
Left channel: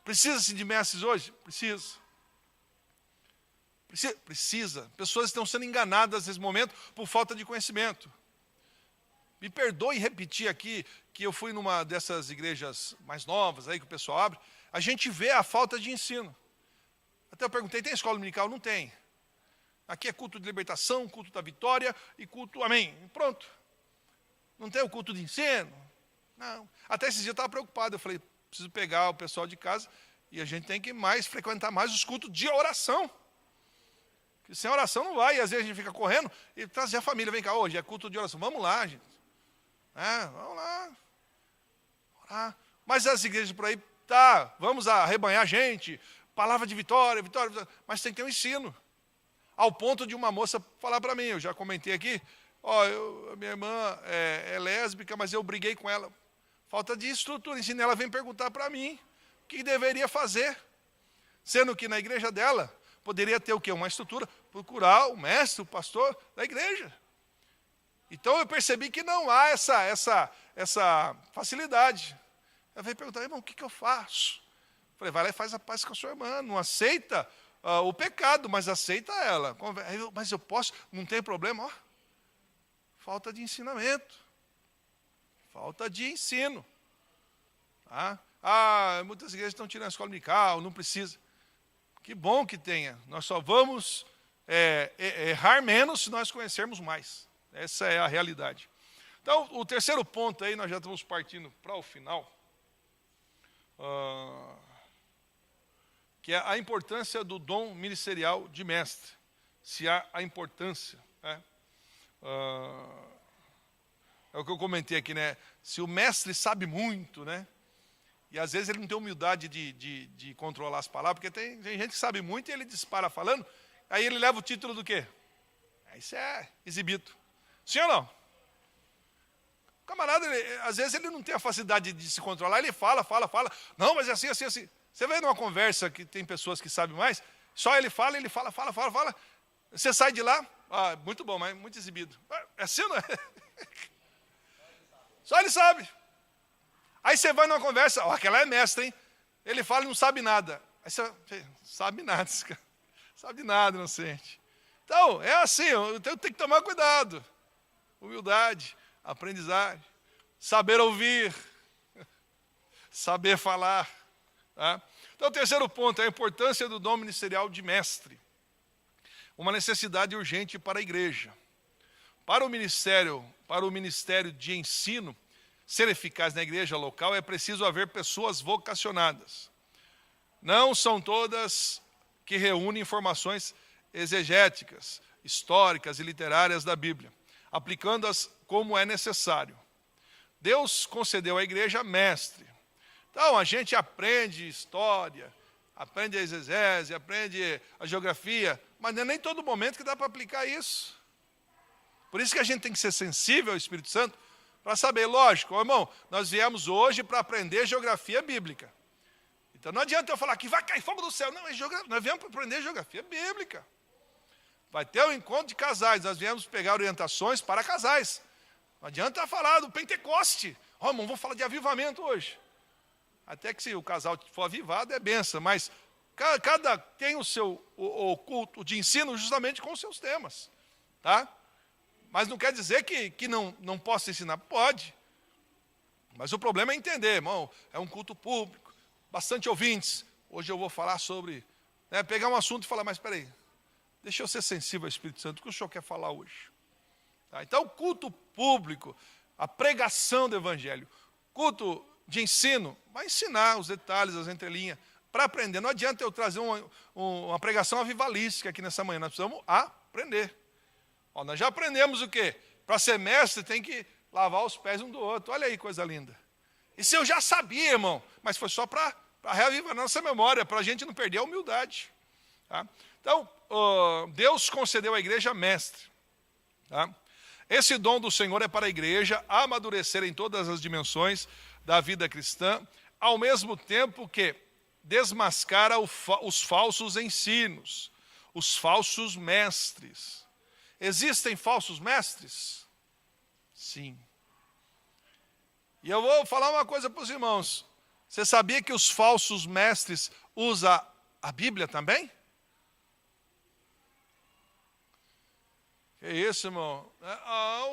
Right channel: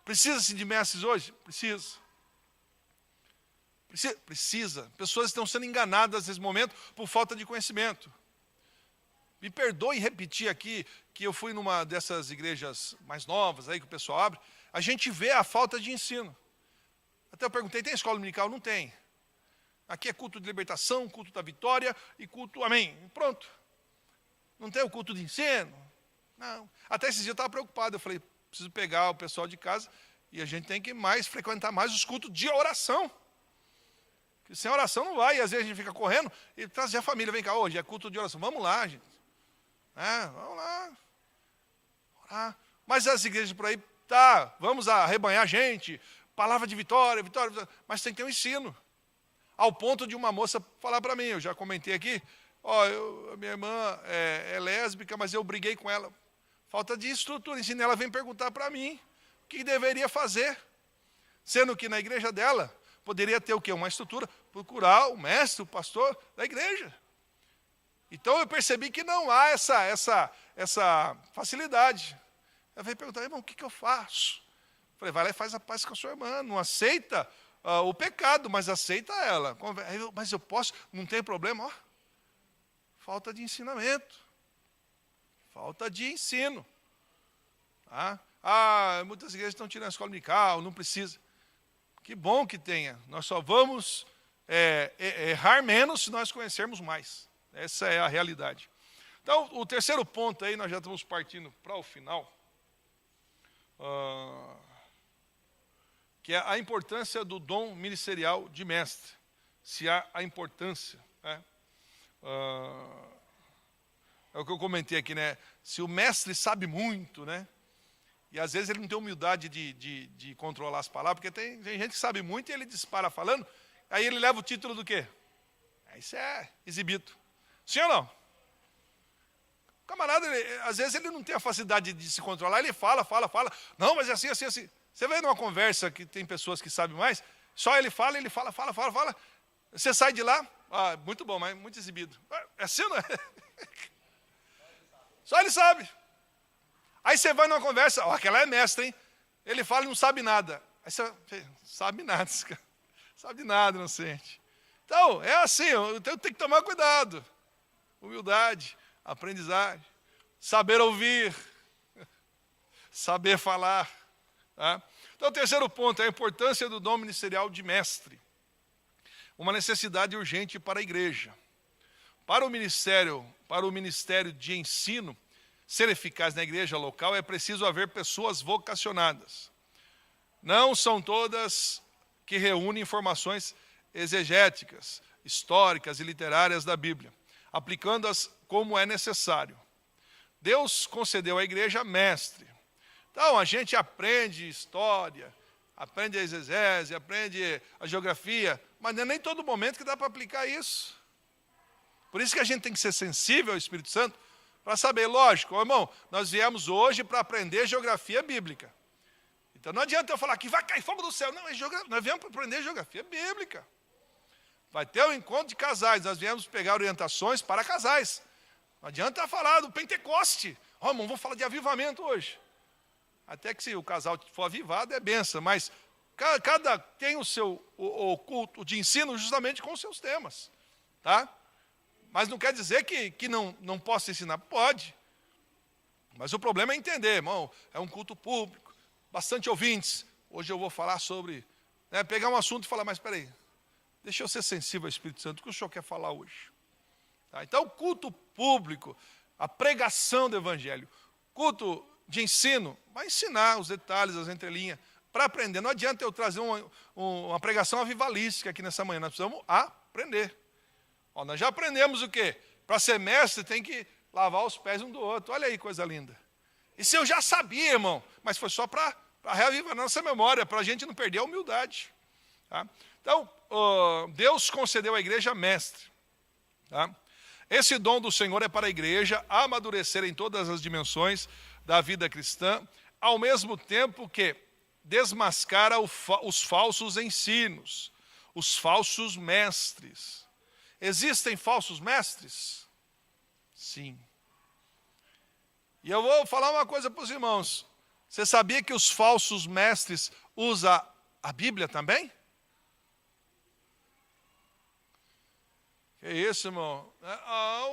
Precisa-se de mestres hoje? Precisa. Precisa. Pessoas estão sendo enganadas nesse momento por falta de conhecimento. Me perdoe repetir aqui que eu fui numa dessas igrejas mais novas aí que o pessoal abre. A gente vê a falta de ensino. Até eu perguntei, tem escola dominical? Não tem. Aqui é culto de libertação, culto da vitória e culto amém. Pronto. Não tem o culto de ensino? Não. Até esses dias eu estava preocupado. Eu falei, preciso pegar o pessoal de casa e a gente tem que frequentar mais os cultos de oração. Porque sem oração não vai. E às vezes a gente fica correndo e trazer a família. Vem cá, hoje é culto de oração. Vamos lá, gente. Vamos lá. Orar. Mas as igrejas por aí, vamos arrebanhar gente. Palavra de vitória, vitória. Mas tem que ter um ensino. Ao ponto de uma moça falar para mim, eu já comentei aqui, a minha irmã é lésbica, mas eu briguei com ela. Falta de estrutura, ensino. Ela vem perguntar para mim o que deveria fazer. Sendo que na igreja dela, poderia ter o quê? Uma estrutura, procurar o mestre, o pastor da igreja. Então eu percebi que não há essa facilidade. Ela veio perguntar, irmão, o que eu faço? Eu falei, vai lá e faz a paz com a sua irmã, não aceita o pecado, mas aceita ela. Mas eu posso, não tem problema. Falta de ensinamento. Falta de ensino. Muitas igrejas estão tirando a escola dominical, não precisa. Que bom que tenha. Nós só vamos errar menos se nós conhecermos mais. Essa é a realidade. Então, o terceiro ponto aí, nós já estamos partindo para o final. Que é a importância do dom ministerial de mestre. Se há a importância. É o que eu comentei aqui, né? Se o mestre sabe muito, né? E às vezes ele não tem humildade de controlar as palavras, porque tem gente que sabe muito e ele dispara falando, aí ele leva o título do quê? Isso é exibido. Sim ou não? O camarada, às vezes ele não tem a facilidade de se controlar, ele fala. Não, mas é assim. Você vai numa conversa que tem pessoas que sabem mais, só ele fala. Você sai de lá, muito bom, mas muito exibido. É assim, não é? Só ele sabe. Aí você vai numa conversa, aquela é mestre, hein? Ele fala e não sabe nada. Aí você sabe nada, sabe nada, inocente. Então, é assim, eu tenho que tomar cuidado. Humildade, aprendizagem, saber ouvir, saber falar. Tá? Então, o terceiro ponto é a importância do dom ministerial de mestre. Uma necessidade urgente para a igreja. Para o ministério de ensino ser eficaz na igreja local, é preciso haver pessoas vocacionadas. Não são todas que reúnem informações exegéticas, históricas e literárias da Bíblia, aplicando-as como é necessário. Deus concedeu à igreja mestre. Então, a gente aprende história, aprende a exegese, aprende a geografia, mas não é nem todo momento que dá para aplicar isso. Por isso que a gente tem que ser sensível ao Espírito Santo, para saber, lógico, irmão, nós viemos hoje para aprender geografia bíblica. Então não adianta eu falar que vai cair fogo do céu. Não, nós viemos para aprender geografia bíblica. Vai ter um encontro de casais, nós viemos pegar orientações para casais. Não adianta falar do Pentecoste. Irmão, vou falar de avivamento hoje. Até que se o casal for avivado é benção, mas cada tem o seu o culto de ensino justamente com os seus temas. Tá? Mas não quer dizer que não possa ensinar. Pode. Mas o problema é entender, irmão. É um culto público, bastante ouvintes. Hoje eu vou falar sobre... pegar um assunto e falar, mas espera aí, deixa eu ser sensível ao Espírito Santo, o que o senhor quer falar hoje? Tá? Então, culto público, a pregação do Evangelho, culto de ensino, vai ensinar os detalhes, as entrelinhas, para aprender. Não adianta eu trazer uma pregação avivalística aqui nessa manhã, nós precisamos aprender. Nós já aprendemos o quê? Para ser mestre tem que lavar os pés um do outro. Olha aí, coisa linda. Isso eu já sabia, irmão, mas foi só para reavivar nossa memória, para a gente não perder a humildade. Tá? Então, Deus concedeu à igreja mestre. Tá? Esse dom do Senhor é para a igreja amadurecer em todas as dimensões da vida cristã, ao mesmo tempo que desmascara os falsos ensinos, os falsos mestres. Existem falsos mestres? Sim. E eu vou falar uma coisa para os irmãos. Você sabia que os falsos mestres usam a Bíblia também? Que isso, irmão?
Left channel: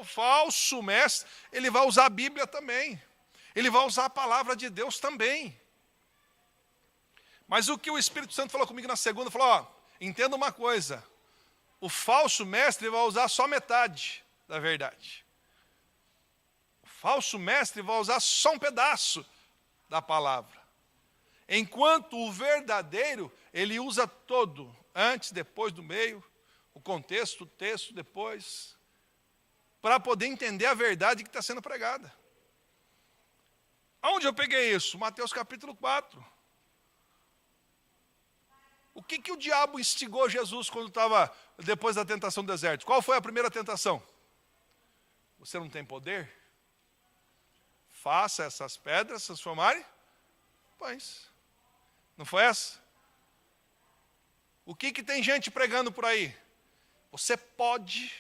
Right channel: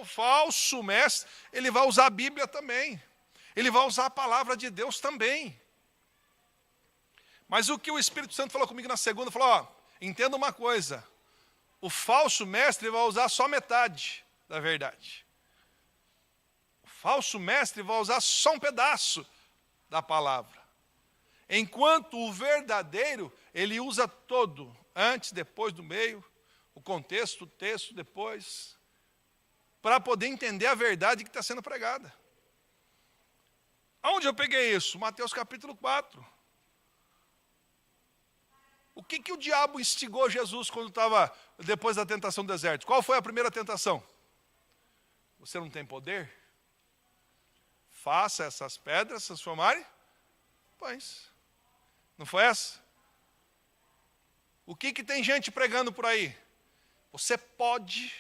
O falso mestre, ele vai usar a Bíblia também. Ele vai usar a palavra de Deus também. Mas o que o Espírito Santo falou comigo na segunda, falou, entenda uma coisa. O falso mestre vai usar só metade da verdade. O falso mestre vai usar só um pedaço da palavra. Enquanto o verdadeiro, ele usa todo. Antes, depois, do meio, o contexto, o texto, depois. Para poder entender a verdade que está sendo pregada. Aonde eu peguei isso? Mateus capítulo 4. O que o diabo instigou Jesus quando estava depois da tentação do deserto? Qual foi a primeira tentação? Você não tem poder? Faça essas pedras se transformarem pães. Não foi essa? O que tem gente pregando por aí? Você pode,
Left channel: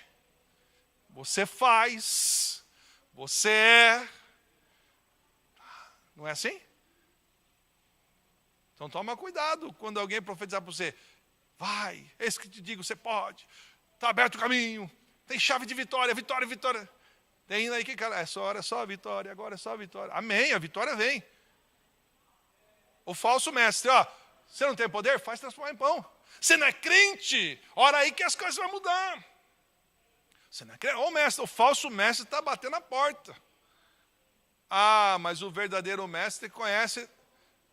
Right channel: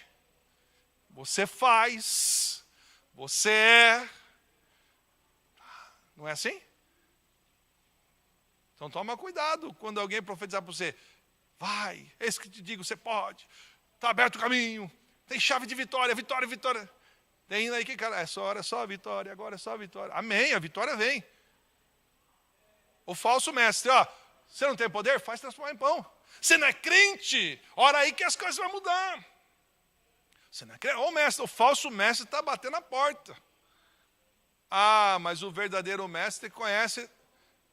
você faz, você é. Não é assim? Então toma cuidado quando alguém profetizar para você. Vai, é isso que te digo, você pode. Está aberto o caminho. Tem chave de vitória, vitória, vitória. Tem indo aí que, cara, é só a vitória, agora é só a vitória. Amém, a vitória vem. O falso mestre, você não tem poder? Faz transformar em pão. Você não é crente? Ora aí que as coisas vão mudar. Você não é crente? O falso mestre está batendo na porta. Mas o verdadeiro mestre conhece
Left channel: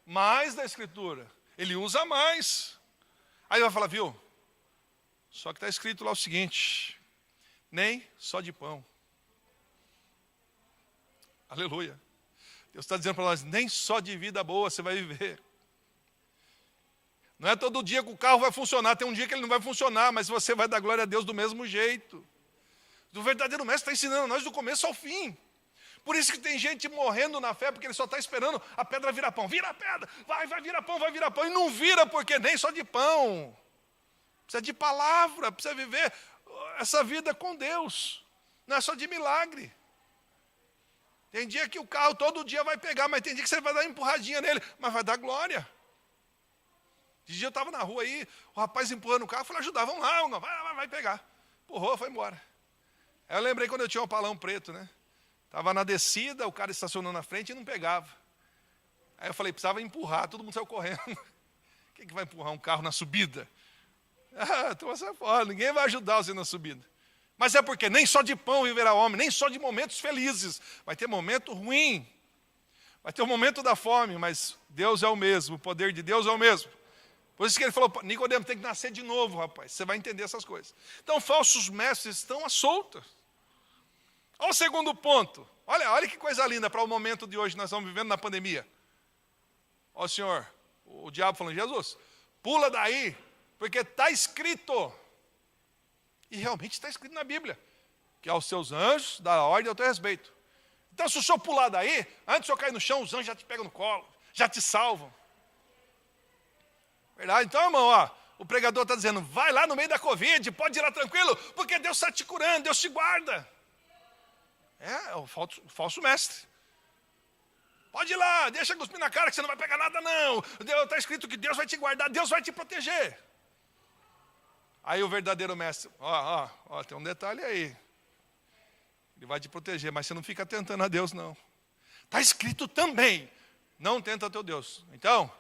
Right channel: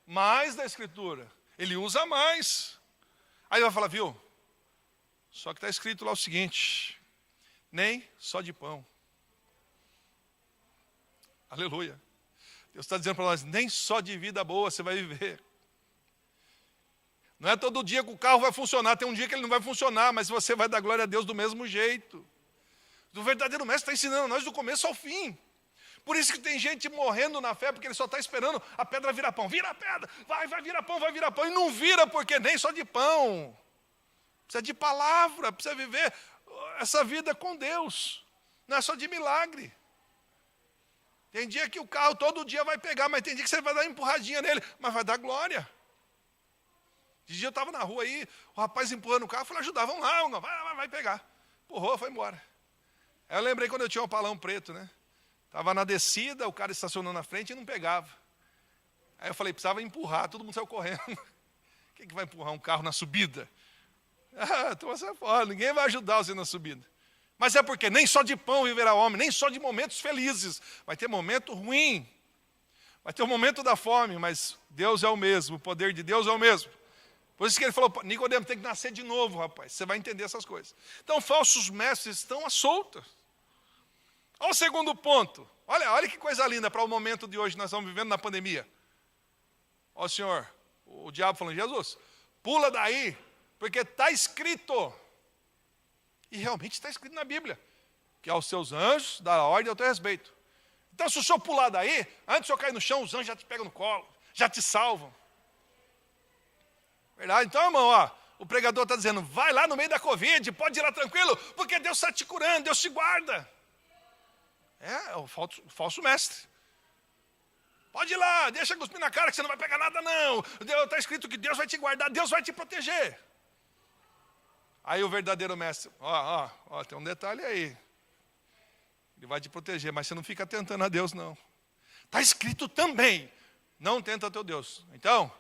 mais da Escritura. Ele usa mais. Aí ele vai falar, viu? Só que está escrito lá o seguinte, nem só de pão. Aleluia. Deus está dizendo para nós, nem só de vida boa você vai viver. Não é todo dia que o carro vai funcionar, tem um dia que ele não vai funcionar, mas você vai dar glória a Deus do mesmo jeito. O verdadeiro mestre está ensinando nós do começo ao fim. Por isso que tem gente morrendo na fé, porque ele só está esperando a pedra virar pão. Vira a pedra, vai virar pão, vai virar pão. E não vira porque nem só de pão. Precisa de palavra, precisa viver essa vida com Deus. Não é só de milagre. Tem dia que o carro todo dia vai pegar, mas tem dia que você vai dar uma empurradinha nele, mas vai dar glória. De dia eu estava na rua aí, o rapaz empurrando o carro, eu falei, ajudar, vamos lá, vai pegar. Empurrou, foi embora. Aí eu lembrei quando eu tinha um Opalão preto, né? Estava na descida, o cara estacionou na frente e não pegava. Aí eu falei, precisava empurrar, todo mundo saiu correndo. Quem que vai empurrar um carro na subida? Então sai fora, ninguém vai ajudar você na subida. Mas é porque nem só de pão viverá o homem, nem só de momentos felizes. Vai ter momento ruim. Vai ter o momento da fome, mas Deus é o mesmo, o poder de Deus é o mesmo. Por isso que ele falou, Nicodemo tem que nascer de novo, rapaz. Você vai entender essas coisas. Então, falsos mestres estão à solta. Olha o segundo ponto. Olha que coisa linda para o momento de hoje, nós estamos vivendo na pandemia. Ó Senhor, o diabo falando, Jesus, pula daí, porque está escrito. E realmente está escrito na Bíblia, que aos seus anjos dá ordem ao teu respeito. Então, se o senhor pular daí, antes de eu cair no chão, os anjos já te pegam no colo, já te salvam. Verdade? Então, irmão, o pregador está dizendo, vai lá no meio da Covid, pode ir lá tranquilo, porque Deus está te curando, Deus te guarda. É o falso mestre. Pode ir lá, deixa cuspir na cara que você não vai pegar nada não. Está escrito que Deus vai te guardar, Deus vai te proteger. Aí o verdadeiro mestre, tem um detalhe aí. Ele vai te proteger, mas você não fica tentando a Deus, não. Está escrito também, não tenta teu Deus. Então,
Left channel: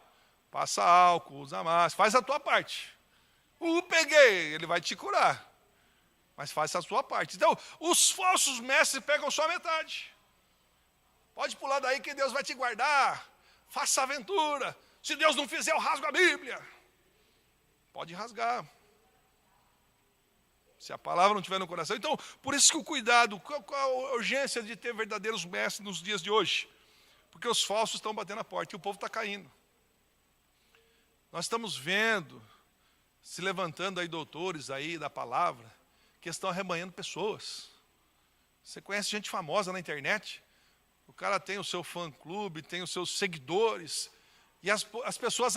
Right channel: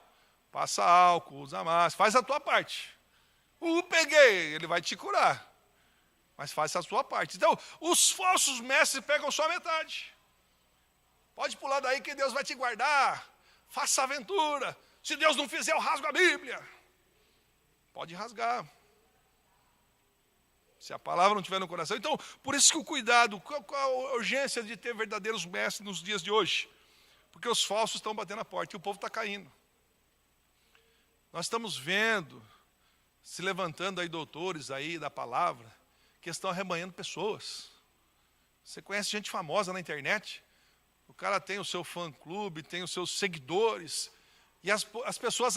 passa álcool, usa máscara, faz a tua parte. Peguei, ele vai te curar. Mas faça a sua parte. Então, os falsos mestres pegam só metade. Pode pular daí que Deus vai te guardar. Faça aventura. Se Deus não fizer, eu rasgo a Bíblia. Pode rasgar. Se a palavra não estiver no coração. Então, por isso que o cuidado, qual a urgência de ter verdadeiros mestres nos dias de hoje? Porque os falsos estão batendo a porta e o povo está caindo. Nós estamos vendo, se levantando aí doutores aí da palavra, que estão arrebanhando pessoas. Você conhece gente famosa na internet? O cara tem o seu fã-clube, tem os seus seguidores. E as pessoas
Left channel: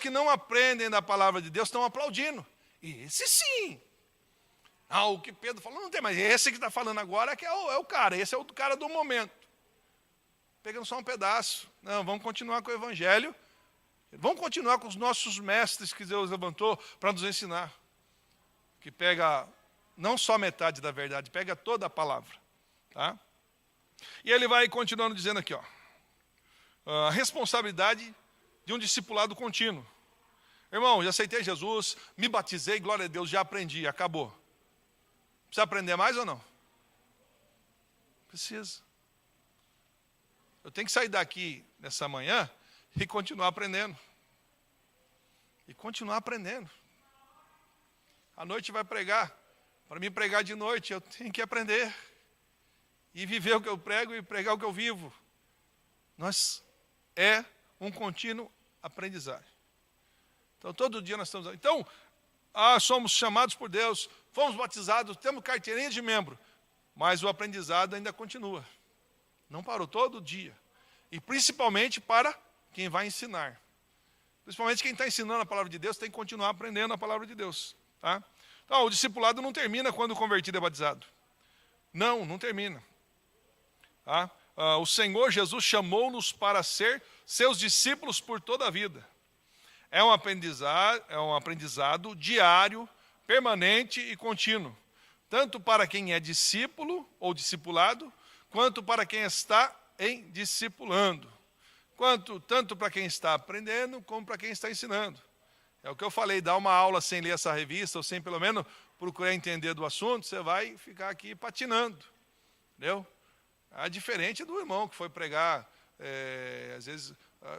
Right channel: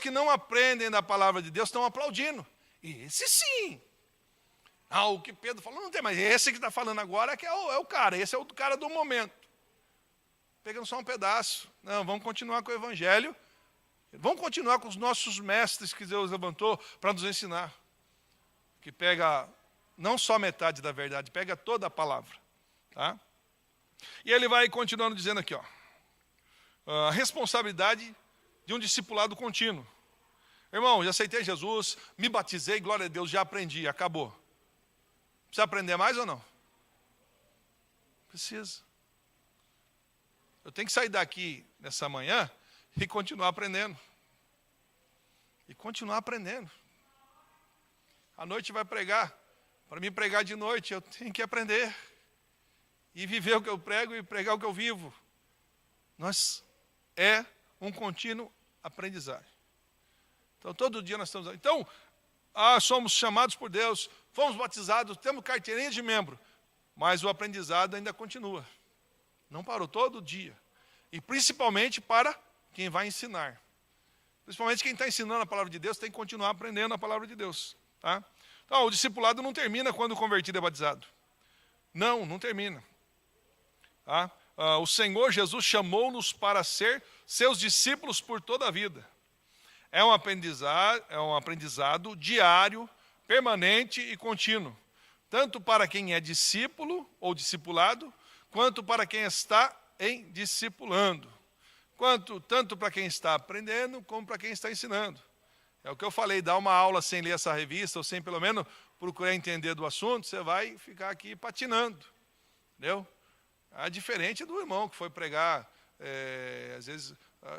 que não aprendem da palavra de Deus estão aplaudindo. E esse sim. O que Pedro falou, não tem, mas esse que está falando agora que é o cara. Esse é o cara do momento. Pegando só um pedaço. Não, vamos continuar com o evangelho. Vamos continuar com os nossos mestres que Deus levantou para nos ensinar. Que pega não só metade da verdade, pega toda a palavra. Tá? E ele vai continuando dizendo aqui, a responsabilidade de um discipulado contínuo. Irmão, já aceitei Jesus, me batizei, glória a Deus, já aprendi, acabou. Precisa aprender mais ou não? Precisa. Eu tenho que sair daqui nessa manhã e continuar aprendendo. E continuar aprendendo. À noite vai pregar. Para mim pregar de noite, eu tenho que aprender. E viver o que eu prego e pregar o que eu vivo. É um contínuo aprendizagem. Então, todo dia nós estamos... Então, somos chamados por Deus, fomos batizados, temos carteirinha de membro. Mas o aprendizado ainda continua. Não parou, todo dia. E principalmente para quem vai ensinar. Principalmente quem está ensinando a palavra de Deus tem que continuar aprendendo a palavra de Deus. Tá? Então, o discipulado não termina quando o convertido é batizado. Não termina. Tá? O Senhor Jesus chamou-nos para ser seus discípulos por toda a vida. É um aprendizado diário, permanente e contínuo. Tanto para quem é discípulo ou discipulado, quanto para quem está discipulando. Tanto para quem está aprendendo, como para quem está ensinando. É o que eu falei, dar uma aula sem ler essa revista, ou sem pelo menos procurar entender do assunto, você vai ficar aqui patinando. Entendeu? É diferente do irmão que foi pregar, às vezes,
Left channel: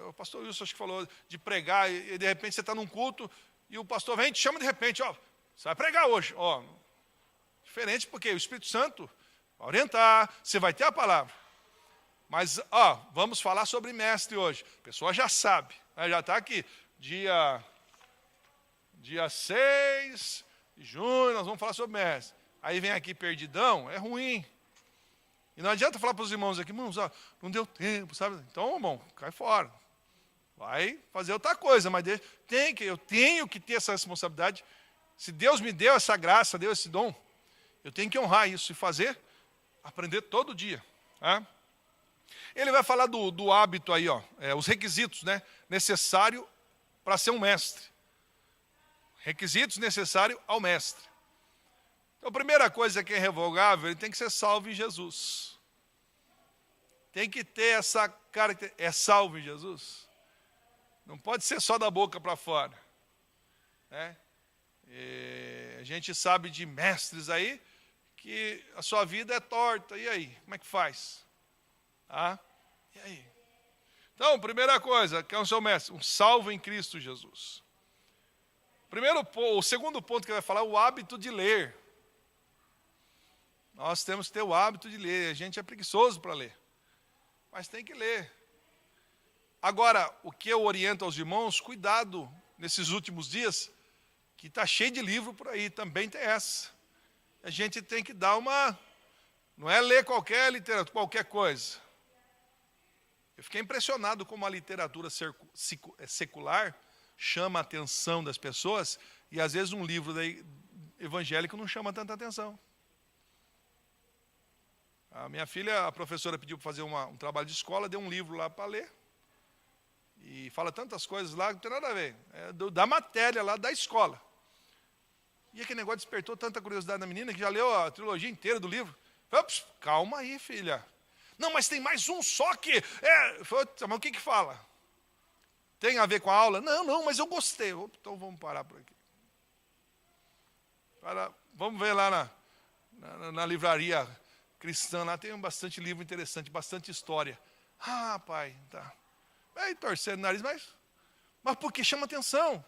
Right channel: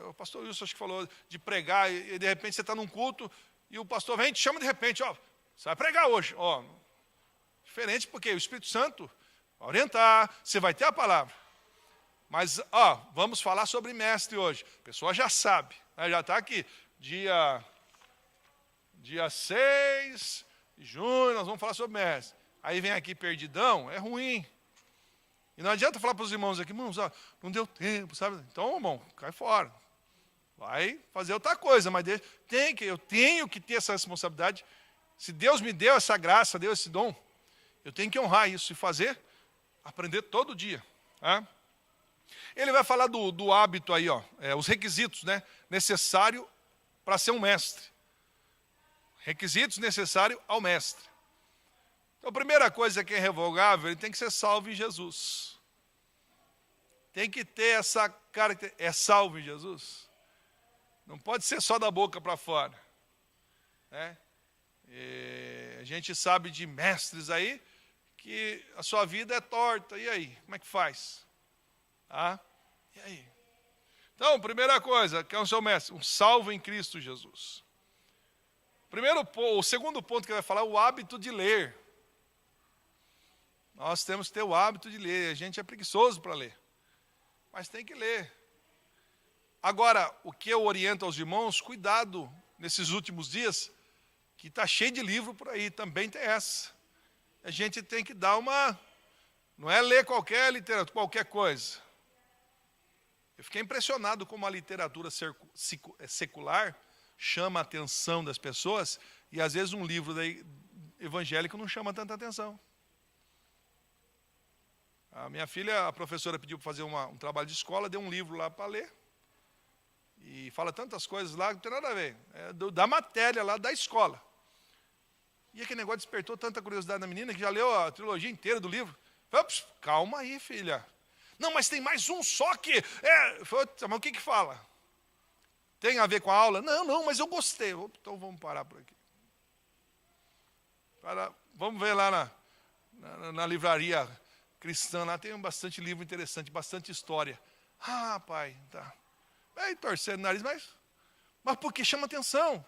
o pastor Wilson acho que falou de pregar, e de repente você está num culto, e o pastor vem e te chama de repente, você vai pregar hoje. Diferente porque o Espírito Santo vai orientar, você vai ter a palavra. Mas, vamos falar sobre mestre hoje. A pessoa já sabe, já está aqui, dia 6 de junho, nós vamos falar sobre mestre. Aí vem aqui perdidão, é ruim. E não adianta falar para os irmãos aqui, irmãos, não deu tempo, sabe? Então, irmão, cai fora. Vai fazer outra coisa, mas eu tenho que ter essa responsabilidade. Se Deus me deu essa graça, deu esse dom, eu tenho que honrar isso e aprender todo dia. Tá? Ele vai falar do hábito aí, os requisitos, né, necessários para ser um mestre. Requisitos necessários ao mestre. Então, a primeira coisa que é irrevogável, ele tem que ser salvo em Jesus. Tem que ter essa característica. É salvo em Jesus? Não pode ser só da boca para fora. Né? A gente sabe de mestres aí que a sua vida é torta. E aí? Como é que faz? E aí? Então, primeira coisa, que é o seu mestre? Um salvo em Cristo Jesus. O segundo ponto que ele vai falar é o hábito de ler. Nós temos que ter o hábito de ler. A gente é preguiçoso para ler. Mas tem que ler. Agora, o que eu oriento aos irmãos, cuidado nesses últimos dias, que está cheio de livro por aí, também tem essa. A gente tem que dar não é ler qualquer literatura, qualquer coisa. Eu fiquei impressionado como a literatura secular chama a atenção das pessoas, e às vezes um livro evangélico não chama tanta atenção. A minha filha, a professora pediu para fazer um trabalho de escola, deu um livro lá para ler. E fala tantas coisas lá que não tem nada a ver. É da matéria lá da escola. E aquele negócio despertou tanta curiosidade na menina que já leu a trilogia inteira do livro. Ops, calma aí, filha. Não, mas tem mais um só que... mas o que fala? Tem a ver com a aula? Não, mas eu gostei. Então vamos parar por aqui. Vamos ver lá na livraria cristã, lá tem bastante livro interessante, bastante história. Ah, pai, tá. Aí torcendo o nariz, mas porque chama atenção.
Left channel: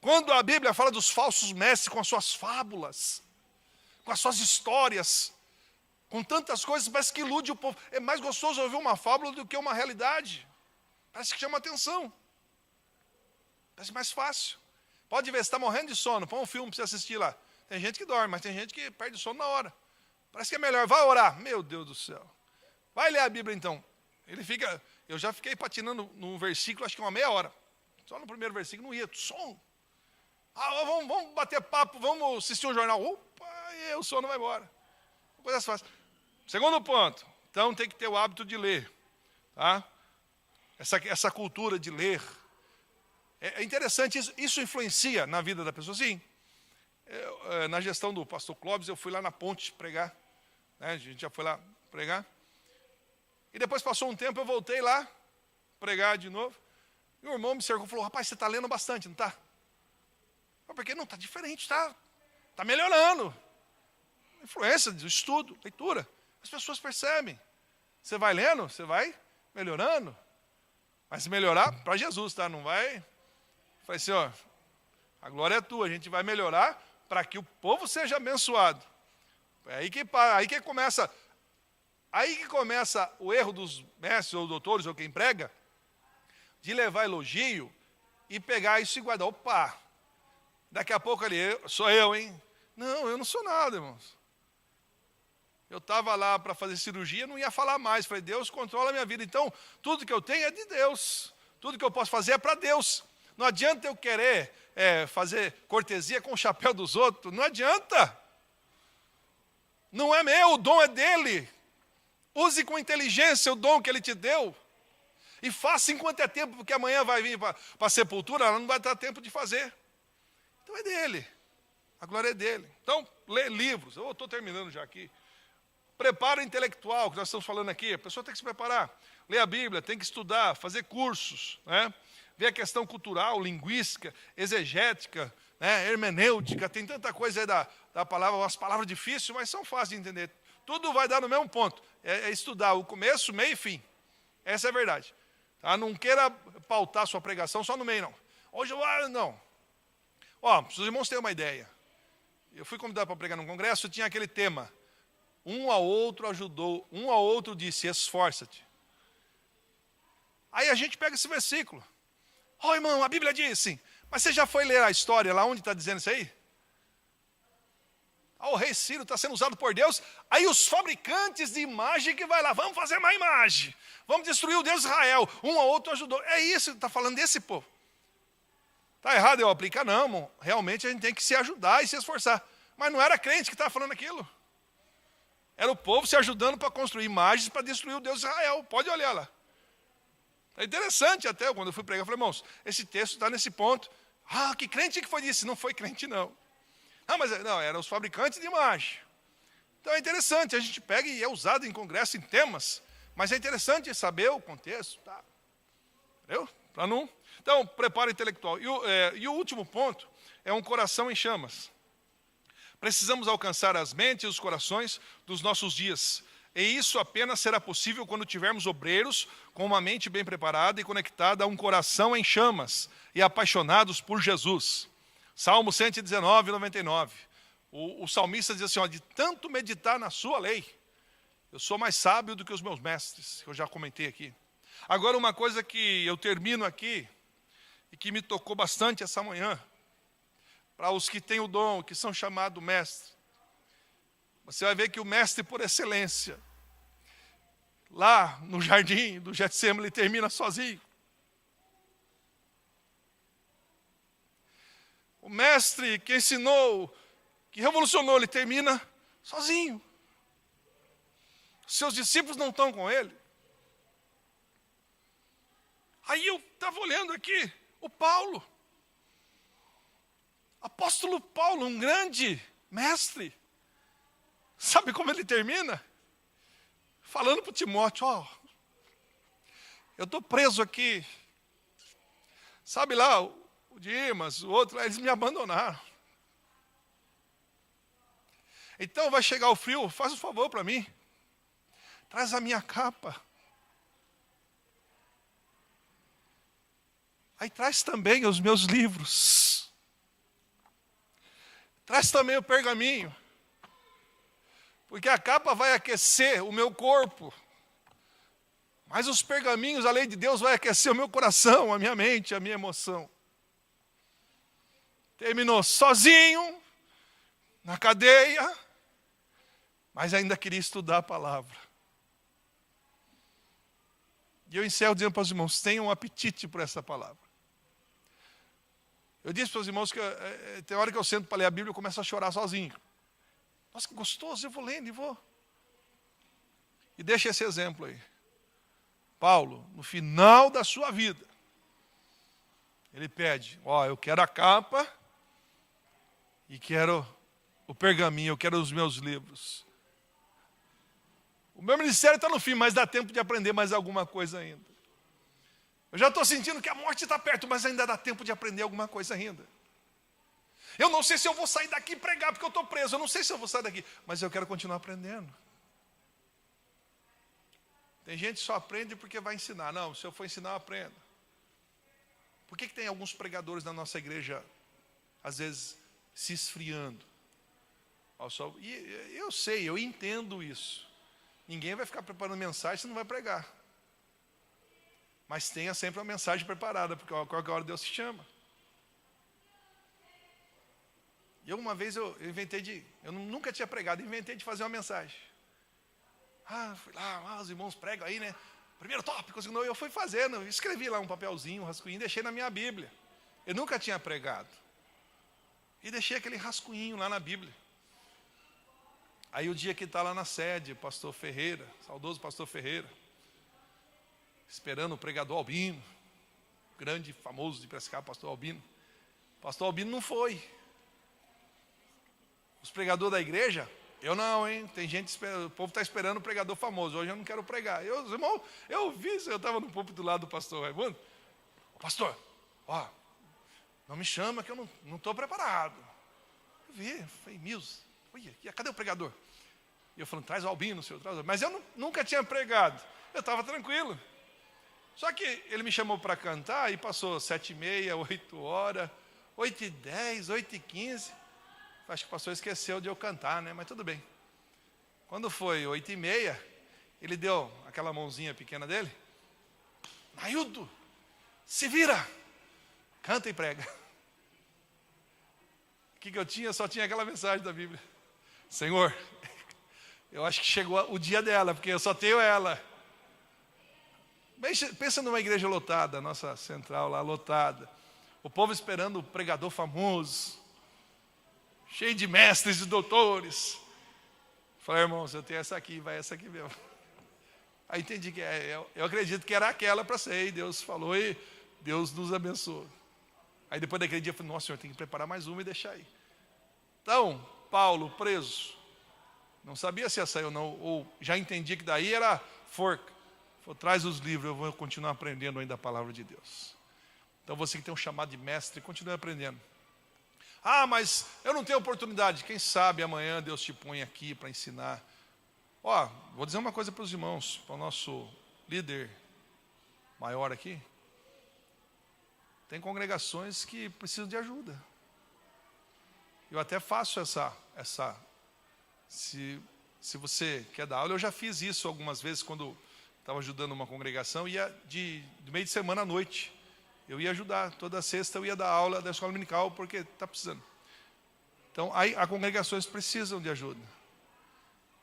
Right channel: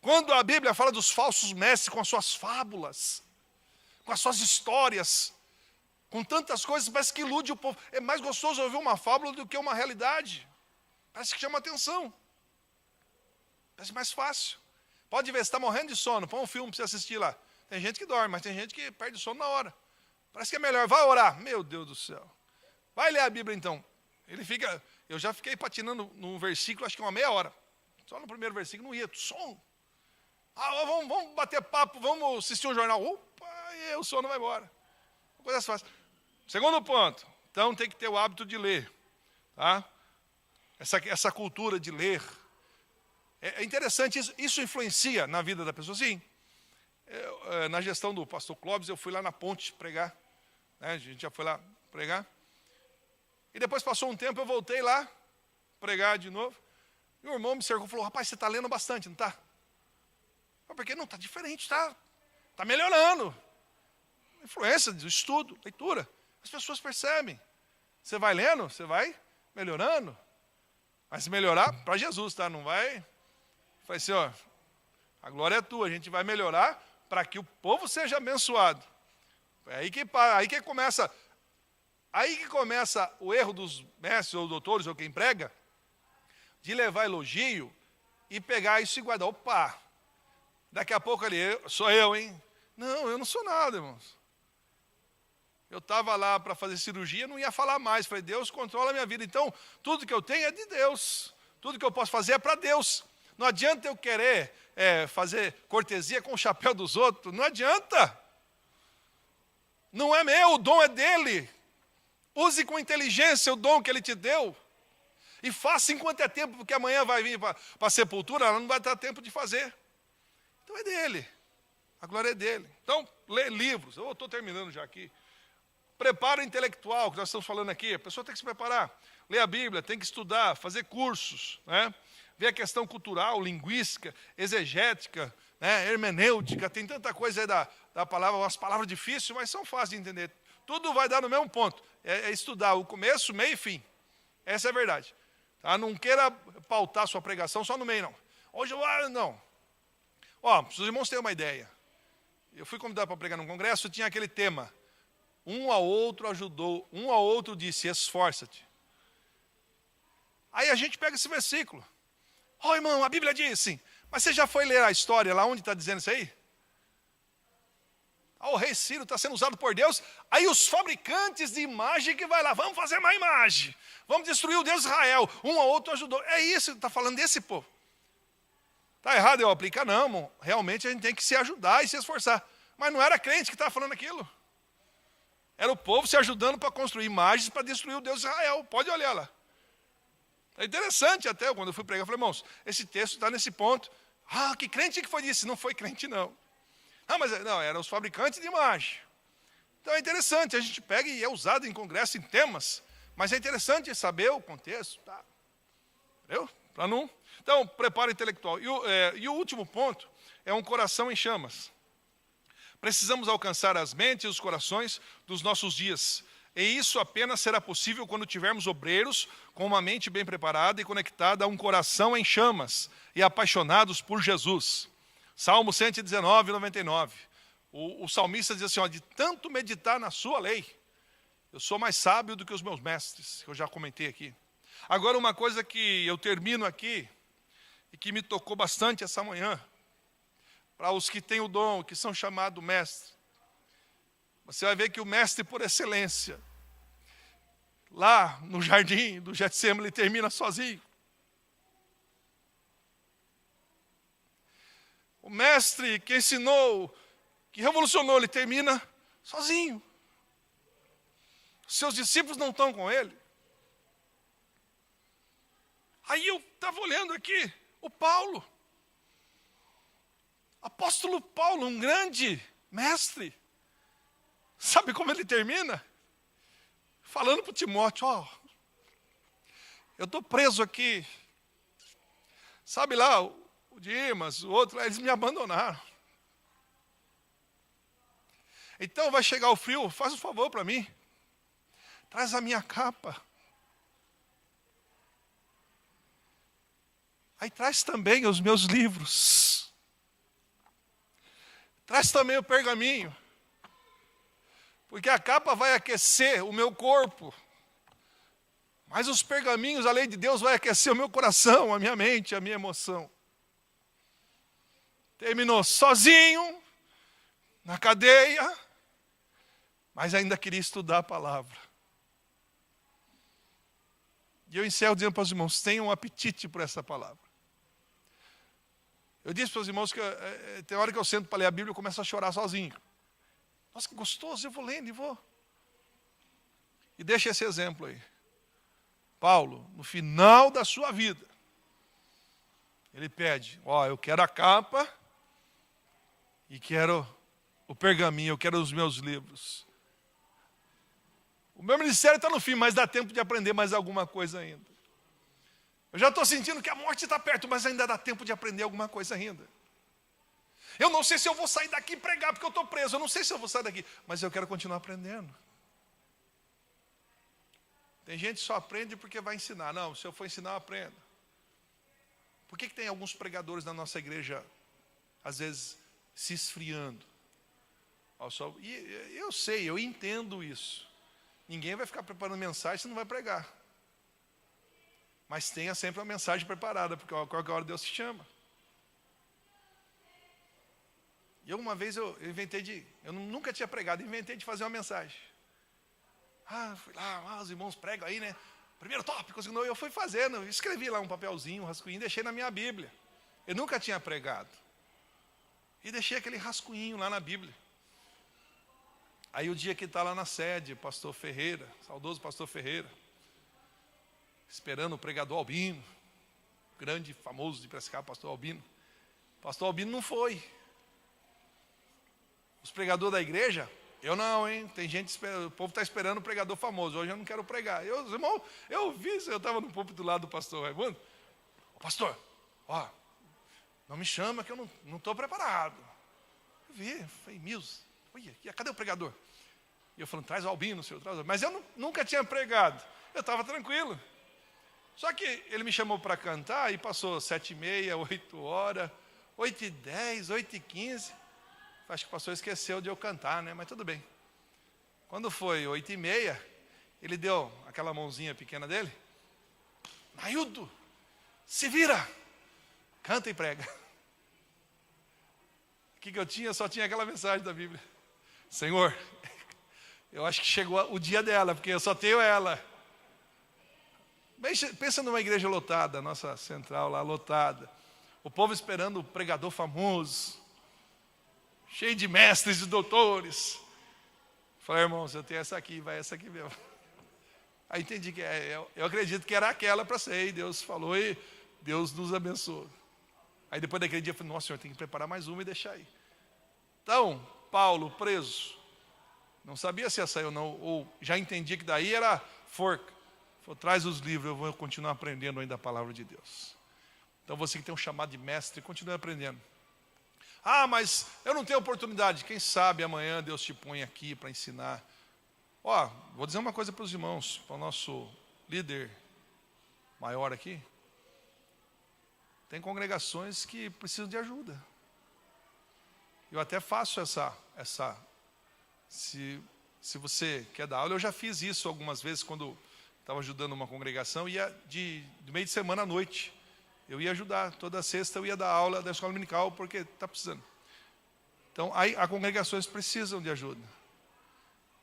Quando a Bíblia fala dos falsos mestres com as suas fábulas, com as suas histórias, com tantas coisas, parece que ilude o povo. É mais gostoso ouvir uma fábula do que uma realidade. Parece que chama atenção. Parece mais fácil. Pode ver, você está morrendo de sono, põe um filme para você assistir lá. Tem gente que dorme, mas tem gente que perde sono na hora. Parece que é melhor, vai orar. Meu Deus do céu. Vai ler a Bíblia então. Eu já fiquei patinando num versículo, acho que uma meia hora. Só no primeiro versículo, não ia, som. Vamos bater papo, vamos assistir um jornal. Opa, e o sono vai embora. Coisa fácil. Segundo ponto, então tem que ter o hábito de ler. Tá? Essa cultura de ler. É interessante, isso influencia na vida da pessoa, sim. Na gestão do pastor Clóvis, eu fui lá na ponte pregar. Né? A gente já foi lá pregar. E depois passou um tempo, eu voltei lá, pregar de novo. E o irmão me cercou e falou, rapaz, você está lendo bastante, não está? Porque não, está diferente, está melhorando. Influência do estudo, leitura. As pessoas percebem. Você vai lendo, você vai melhorando. Mas se melhorar, para Jesus, tá? Não vai assim, ó, a glória é tua, a gente vai melhorar para que o povo seja abençoado. É aí que começa o erro dos mestres ou doutores ou quem prega, de levar elogio e pegar isso e guardar. Opa, daqui a pouco ali, sou eu, hein? Não, eu não sou nada, irmãos. Eu estava lá para fazer cirurgia, não ia falar mais. Falei, Deus controla a minha vida. Então, tudo que eu tenho é de Deus. Tudo que eu posso fazer é para Deus. Não adianta eu querer fazer cortesia com o chapéu dos outros. Não adianta. Não é meu, o dom é dele. Use com inteligência o dom que ele te deu. E faça enquanto é tempo, porque amanhã vai vir para a sepultura, não vai dar tempo de fazer. Então é dele. A glória é dele. Então, lê livros. Eu estou terminando já aqui. Preparo intelectual, que nós estamos falando aqui. A pessoa tem que se preparar. Ler a Bíblia, tem que estudar, fazer cursos, né? Ver a questão cultural, linguística, exegética, né? Hermenêutica. Tem tanta coisa aí da palavra, umas palavras difíceis, mas são fáceis de entender. Tudo vai dar no mesmo ponto. É estudar o começo, meio e fim. Essa é a verdade. Tá? Não queira pautar sua pregação só no meio, não. Hoje, não. Ó, para os irmãos terem uma ideia. Eu fui convidado para pregar num congresso, tinha aquele tema. Um ao outro ajudou, um ao outro disse, esforça-te. Aí a gente pega esse versículo. Irmão, a Bíblia diz assim, mas você já foi ler a história lá onde está dizendo isso aí? O rei Ciro está sendo usado por Deus, aí os fabricantes de imagem que vai lá, vamos fazer uma imagem, vamos destruir o Deus de Israel, um ao outro ajudou. É isso, está falando desse povo. Está errado eu aplicar? Não, irmão. Realmente a gente tem que se ajudar e se esforçar. Mas não era crente que estava falando aquilo. Era o povo se ajudando para construir imagens para destruir o Deus de Israel. Pode olhar lá. É interessante até, quando eu fui pregar, eu falei, irmãos, esse texto está nesse ponto. Que crente que foi isso? Não foi crente, não. Mas não, eram os fabricantes de imagem. Então é interessante, a gente pega e é usado em congresso, em temas, mas é interessante saber o contexto. Tá? Entendeu? Para não... Então, preparo intelectual. E o último ponto é um coração em chamas. Precisamos alcançar as mentes e os corações dos nossos dias. E isso apenas será possível quando tivermos obreiros com uma mente bem preparada e conectada a um coração em chamas e apaixonados por Jesus. Salmo 119, 99. O salmista diz assim, de tanto meditar na sua lei, eu sou mais sábio do que os meus mestres, que eu já comentei aqui. Agora, uma coisa que eu termino aqui, e que me tocou bastante essa manhã, para os que têm o dom, que são chamados mestres. Você vai ver que o mestre por excelência, lá no jardim do Getsemane, ele termina sozinho. O mestre que ensinou, que revolucionou, ele termina sozinho. Seus discípulos não estão com ele. Aí eu estava olhando aqui, o Paulo. Apóstolo Paulo, um grande mestre, sabe como ele termina? Falando para Timóteo, eu estou preso aqui. Sabe lá, o Dimas, o outro, eles me abandonaram. Então vai chegar o frio, faz um favor para mim. Traz a minha capa. Aí traz também os meus livros. Traz também o pergaminho. Porque a capa vai aquecer o meu corpo. Mas os pergaminhos, a lei de Deus, vai aquecer o meu coração, a minha mente, a minha emoção. Terminou sozinho, na cadeia, mas ainda queria estudar a palavra. E eu encerro dizendo para os irmãos, tenham um apetite por essa palavra. Eu disse para os irmãos que tem hora que eu sento para ler a Bíblia e começo a chorar sozinho. Nossa, que gostoso, eu vou lendo e vou. E deixa esse exemplo aí. Paulo, no final da sua vida, ele pede, eu quero a capa e quero o pergaminho, eu quero os meus livros. O meu ministério está no fim, mas dá tempo de aprender mais alguma coisa ainda. Eu já estou sentindo que a morte está perto, mas ainda dá tempo de aprender alguma coisa ainda. Eu não sei se eu vou sair daqui e pregar, porque eu estou preso. Eu não sei se eu vou sair daqui, mas eu quero continuar aprendendo. Tem gente que só aprende porque vai ensinar. Não, se eu for ensinar, eu aprendo. Por que tem alguns pregadores na nossa igreja, às vezes, se esfriando? E eu sei, eu entendo isso. Ninguém vai ficar preparando mensagem se não vai pregar. Mas tenha sempre uma mensagem preparada, porque a qualquer hora Deus te chama. E uma vez eu nunca tinha pregado, inventei de fazer uma mensagem. Fui lá, os irmãos pregam aí, né? Primeiro tópico, eu fui fazendo, escrevi lá um papelzinho, um rascunho, deixei na minha Bíblia. Eu nunca tinha pregado. E deixei aquele rascunhinho lá na Bíblia. Aí o dia que está lá na sede, pastor Ferreira, saudoso pastor Ferreira, esperando o pregador Albino, grande, famoso de Piracicaba, pastor Albino. Pastor Albino não foi. Os pregadores da igreja, eu não, hein? Tem gente esperando, o povo está esperando o pregador famoso. Hoje eu não quero pregar. Irmão, eu estava no púlpito do lado do pastor Raimundo. Pastor, não me chama que eu não estou preparado. Falei, Mills, cadê o pregador? E eu falando, traz o Albino, senhor, traz o Albino. Mas eu nunca tinha pregado. Eu estava tranquilo. Só que ele me chamou para cantar e passou 7h30, 8 horas, 8h10, 8h15. Acho que o pastor esqueceu de eu cantar, né? Mas tudo bem. Quando foi 8h30, ele deu aquela mãozinha pequena dele. Naildo, se vira, canta e prega. O que eu tinha? Só tinha aquela mensagem da Bíblia. Senhor, eu acho que chegou o dia dela, porque eu só tenho ela. Pensa numa igreja lotada, nossa central lá lotada. O povo esperando o pregador famoso. Cheio de mestres e doutores. Falei, irmãos, eu tenho essa aqui, vai essa aqui mesmo. Aí entendi que eu acredito que era aquela para ser, e Deus falou e Deus nos abençoou. Aí depois daquele dia eu falei, nossa, senhor, tem que preparar mais uma e deixar aí. Então, Paulo, preso, não sabia se ia sair ou não, ou já entendi que daí era forca. Falei, traz os livros, eu vou continuar aprendendo ainda a palavra de Deus. Então você que tem um chamado de mestre, continue aprendendo. Mas eu não tenho oportunidade. Quem sabe amanhã Deus te põe aqui para ensinar. Vou dizer uma coisa para os irmãos, para o nosso líder maior aqui. Tem congregações que precisam de ajuda. Eu até faço se você quer dar aula, eu já fiz isso algumas vezes quando estava ajudando uma congregação, ia do meio de semana à noite. Eu ia ajudar, toda sexta eu ia dar aula da escola dominical, porque está precisando. Então, as congregações precisam de ajuda.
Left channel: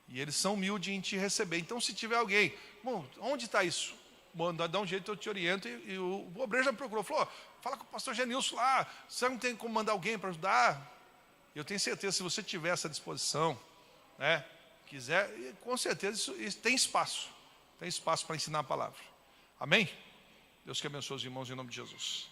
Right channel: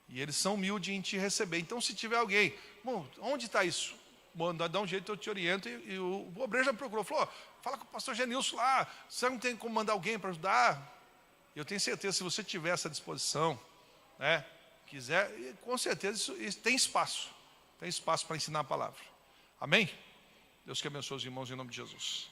E eles são humildes em te receber. Então, se tiver alguém, bom, onde está isso? Bom, dá um jeito, eu te oriento. E o obreiro já me procurou, falou, fala com o pastor Genilson lá, você não tem como mandar alguém para ajudar? Eu tenho certeza, se você tiver essa disposição, né, quiser, com certeza isso tem espaço. Tem espaço para ensinar a palavra. Amém? Deus que abençoe os irmãos em nome de Jesus.